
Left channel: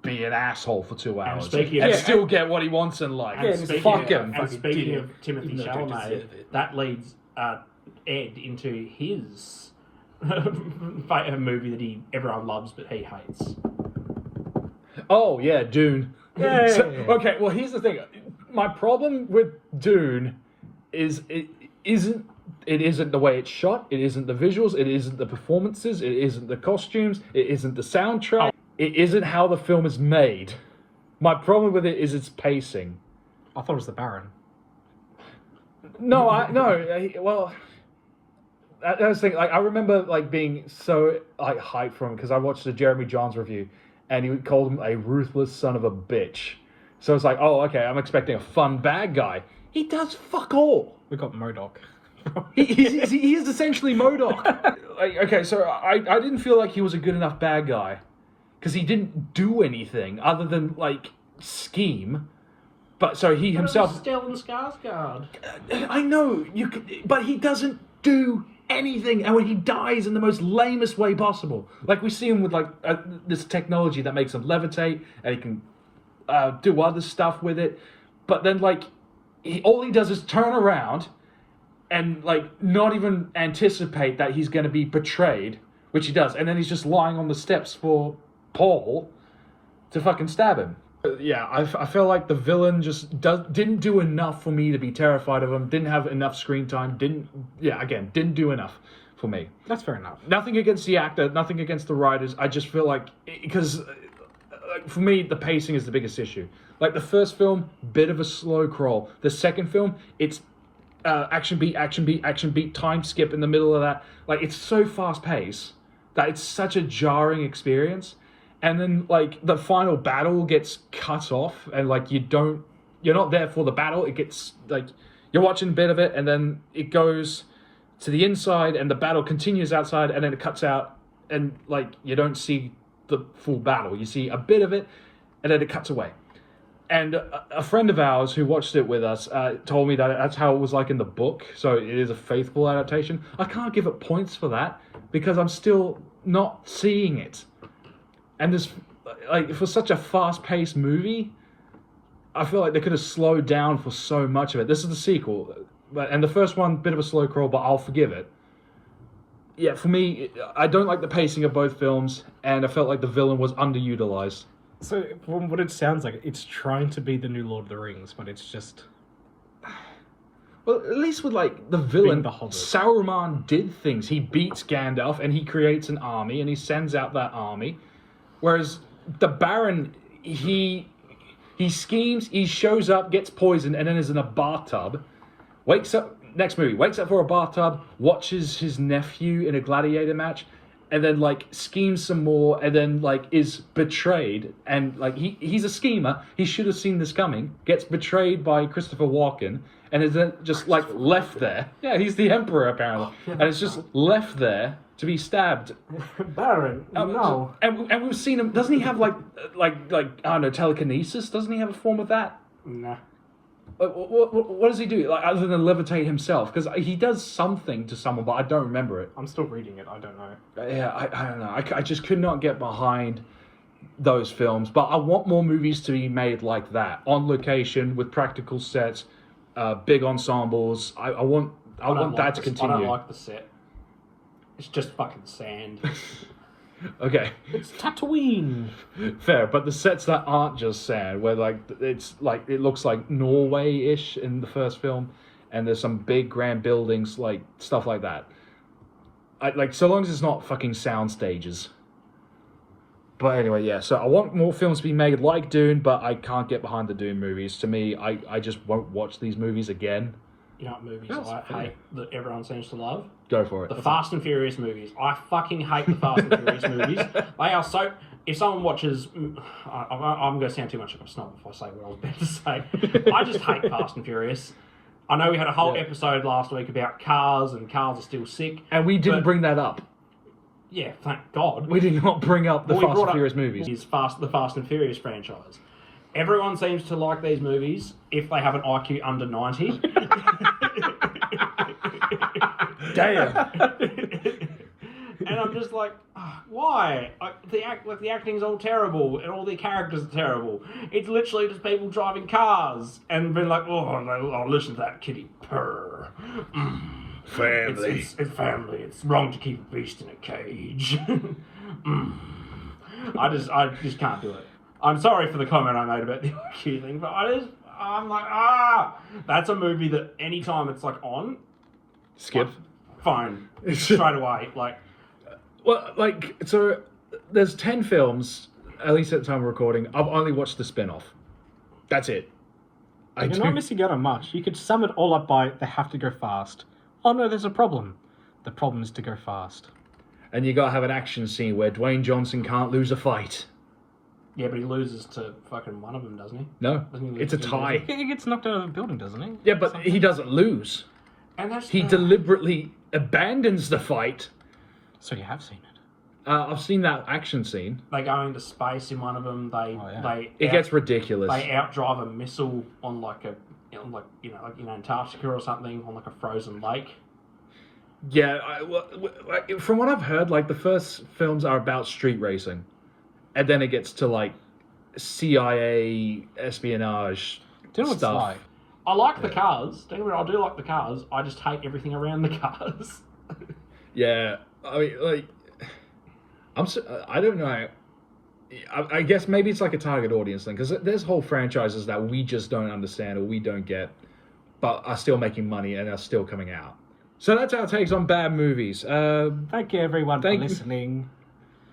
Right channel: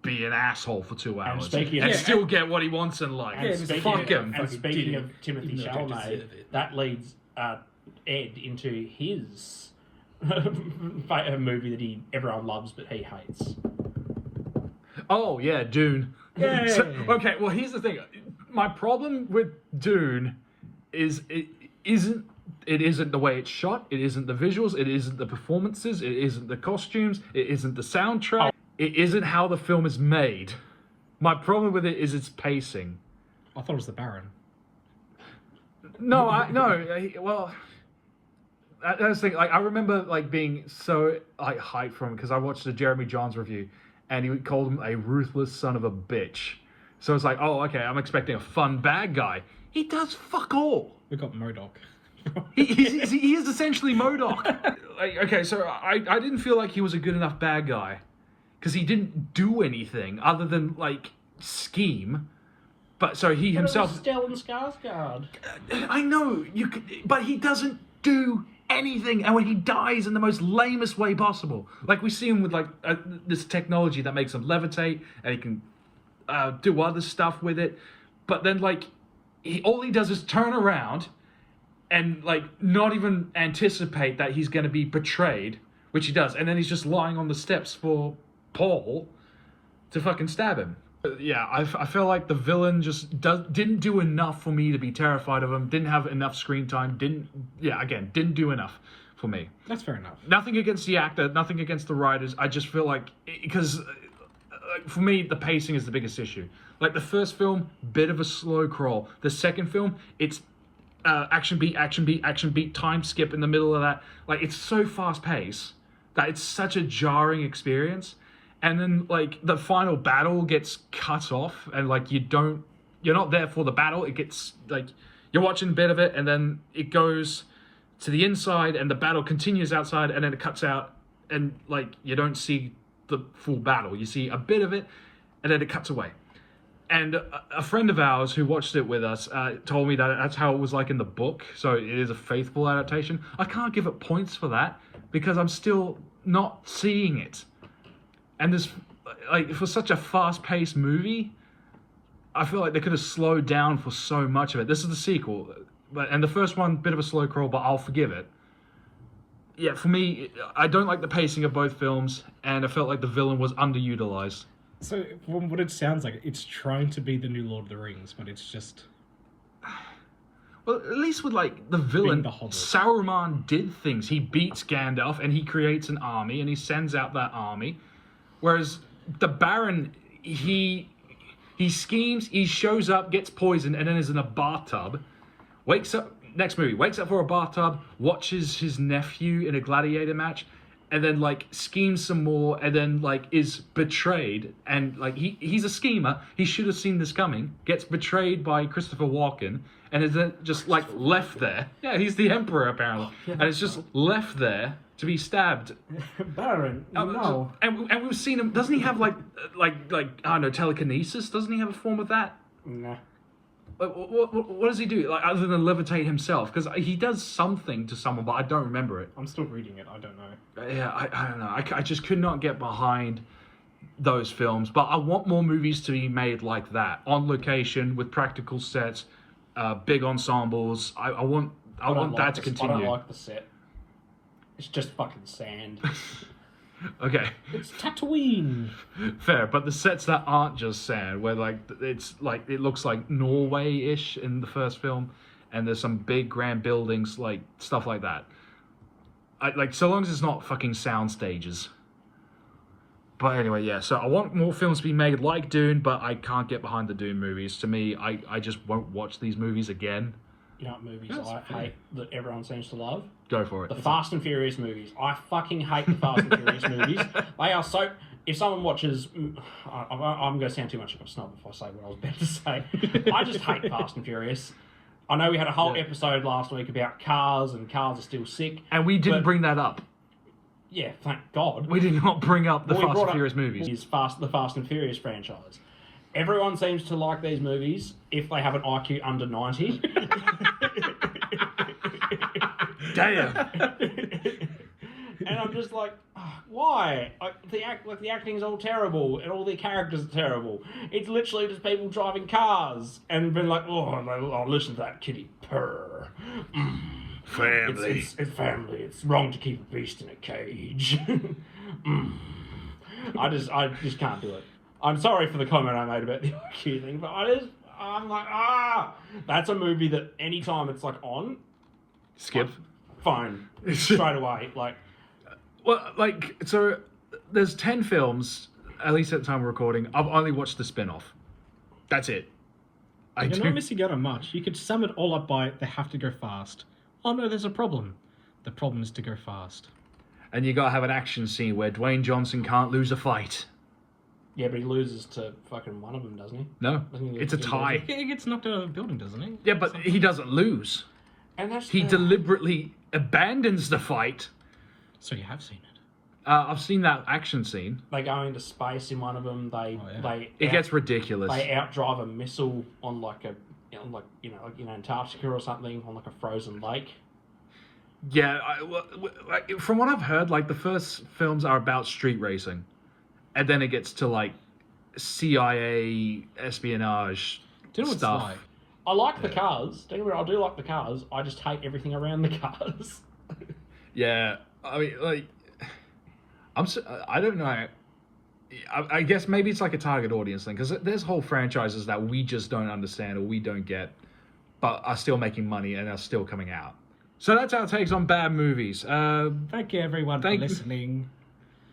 be an asshole for 2 hours speaking of- and Yeah, still get what he wants in life? Yeah, And and speaking, fuck him. and Fucking speaking idiot. of Timothy Even though I don't deserve Chalamet, it. that leads Ed into his movie that everyone loves but he hates. Oh yeah, Dune. Yay. Okay, well here's the thing. My problem with Dune is it isn't the way it's shot, it isn't the visuals, it isn't the performances, it isn't the costumes, it isn't the soundtrack, it isn't how the film is made. My problem with it is its pacing. I thought it was the Baron. No, That was the thing. Like, I remember like being so like hyped from because I watched the Jeremy Jahns review, and he called him a ruthless son of a bitch. So it's like, oh, okay, I'm expecting a fun bad guy. He does fuck all. We got MODOK. He is essentially MODOK. Like, okay, so I didn't feel like he was a good enough bad guy because he didn't do anything other than like scheme. But so he himself. Stellan Skarsgård. I know you could, but he doesn't do anything, and when he dies in the most lamest way possible, like we see him with like this technology that makes him levitate, and he can do other stuff with it, but then like all he does is turn around and like not even anticipate that he's going to be betrayed, which he does, and then he's just lying on the steps for Paul to fucking stab him. Yeah, I feel like the villain just didn't do enough for me to be terrified of him. Didn't have enough screen time. Didn't do enough for me. That's fair enough. Nothing against the actor. Nothing against the writers. I just feel like because for me the pacing is the biggest issue. Like the first film, bit of a slow crawl. The second film, it's action beat, time skip in the middle of that. Like it's so fast paced that it's such a jarring experience. And then, like, the final battle gets cut off, and, like, you're not there for the battle. It gets, like, you're watching a bit of it, and then it goes to the inside, and the battle continues outside, and then it cuts out, and, like, you don't see the full battle. You see a bit of it, and then it cuts away. And a friend of ours who watched it with us told me that that's how it was like in the book, so it is a faithful adaptation. I can't give it points for that, because I'm still not seeing it. And this, like, for such a fast-paced movie, I feel like they could have slowed down for so much of it. This is the sequel, and the first one, bit of a slow crawl, but I'll forgive it. Yeah, for me, I don't like the pacing of both films, and I felt like the villain was underutilized. So, from what it sounds like, it's trying to be the new Lord of the Rings, but it's just... Well, at least with, like, the villain, the Hobbit. Saruman did things. He beats Gandalf, and he creates an army, and he sends out that army. Whereas the Baron, he schemes, he shows up, gets poisoned, and then is in a bathtub. Wakes up for a bathtub, watches his nephew in a gladiator match, and then like schemes some more, and then like is betrayed. And like he's a schemer. He should have seen this coming. Gets betrayed by Christopher Walken, and is then just like left there. Yeah, he's the Emperor apparently, and it's just left there to be stabbed. Baron, no. And we've seen him. Doesn't he have like I don't know, telekinesis? Doesn't he have a form of that? Nah. What does he do? Like other than levitate himself? Because he does something to someone, but I don't remember it. I'm still reading it. I don't know. Yeah, I don't know. I just could not get behind those films. But I want more movies to be made like that, on location with practical sets, big ensembles. I want that to continue. I don't like the set. It's just fucking sand. Okay. It's Tatooine. Fair, but the sets that aren't just sand, where like it's like it looks like Norway-ish in the first film, and there's some big grand buildings, like stuff like that. Like so long as it's not fucking sound stages. But anyway, yeah. So I want more films to be made like Dune, but I can't get behind the Dune movies. To me, I just won't watch these movies again. You know what movies That's I fair. hate that everyone seems to love? Go for it. The Fast and Furious movies. I fucking hate the Fast and Furious movies. They are so... If someone watches... I'm going to sound too much of a snob if I say what I was about to say. I just hate Fast and Furious. I know we had a whole episode last week about cars, and cars are still sick. And we didn't bring that up. Yeah, thank God. We did not bring up the All we Fast brought and up Furious movies. Is the Fast and Furious franchise. Everyone seems to like these movies if they have an IQ under 90. Damn. And I'm just like, why? The acting's all terrible, and all the characters are terrible. It's literally just people driving cars and being like, oh, listen to that kitty purr. Family. It's family. It's wrong to keep a beast in a cage. I just can't do it. I'm sorry for the comment I made about the IQ thing, but I'm like, that's a movie that anytime it's like on, Skip. phone straight away. Like, Well, like, so there's 10 films, at least at the time of recording. I've only watched the spin-off. That's it. You're not missing out on much. You could sum it all up by they have to go fast. Oh no, there's a problem. The problem is to go fast. And you gotta have an action scene where Dwayne Johnson can't lose a fight. Yeah, but he loses to fucking one of them, doesn't he? No, Doesn't he lose it's a to tie. He gets knocked out of the building, doesn't he? Yeah, but he doesn't lose. And that's He deliberately abandons the fight. So you have seen it. I've seen that action scene. They go into space in one of them. It gets ridiculous. They outdrive a missile on like Antarctica or something on like a frozen lake. Yeah, from what I've heard, like the first films are about street racing, and then it gets to like CIA espionage Do you know what stuff. it's like? I like the cars. Don't get me wrong, I do like the cars. I just hate everything around the cars. Yeah, I mean, like, I don't know. I guess maybe it's like a target audience thing because there's whole franchises that we just don't understand or we don't get, but are still making money and are still coming out. So that's our takes on bad movies. Thank you, everyone, for Thank you. listening.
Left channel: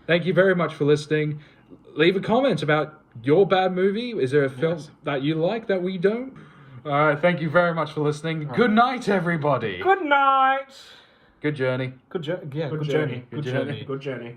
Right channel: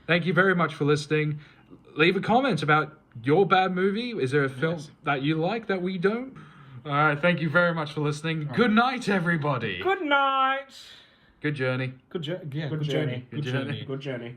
Thank you very much for listening. Leave a comment about your bad movie. Is there a film Yes. that you like that we don't? All right. Thank you very much for listening. Good night, everybody. Good night. Good journey. Good journey. Good journey. Good journey. Good journey.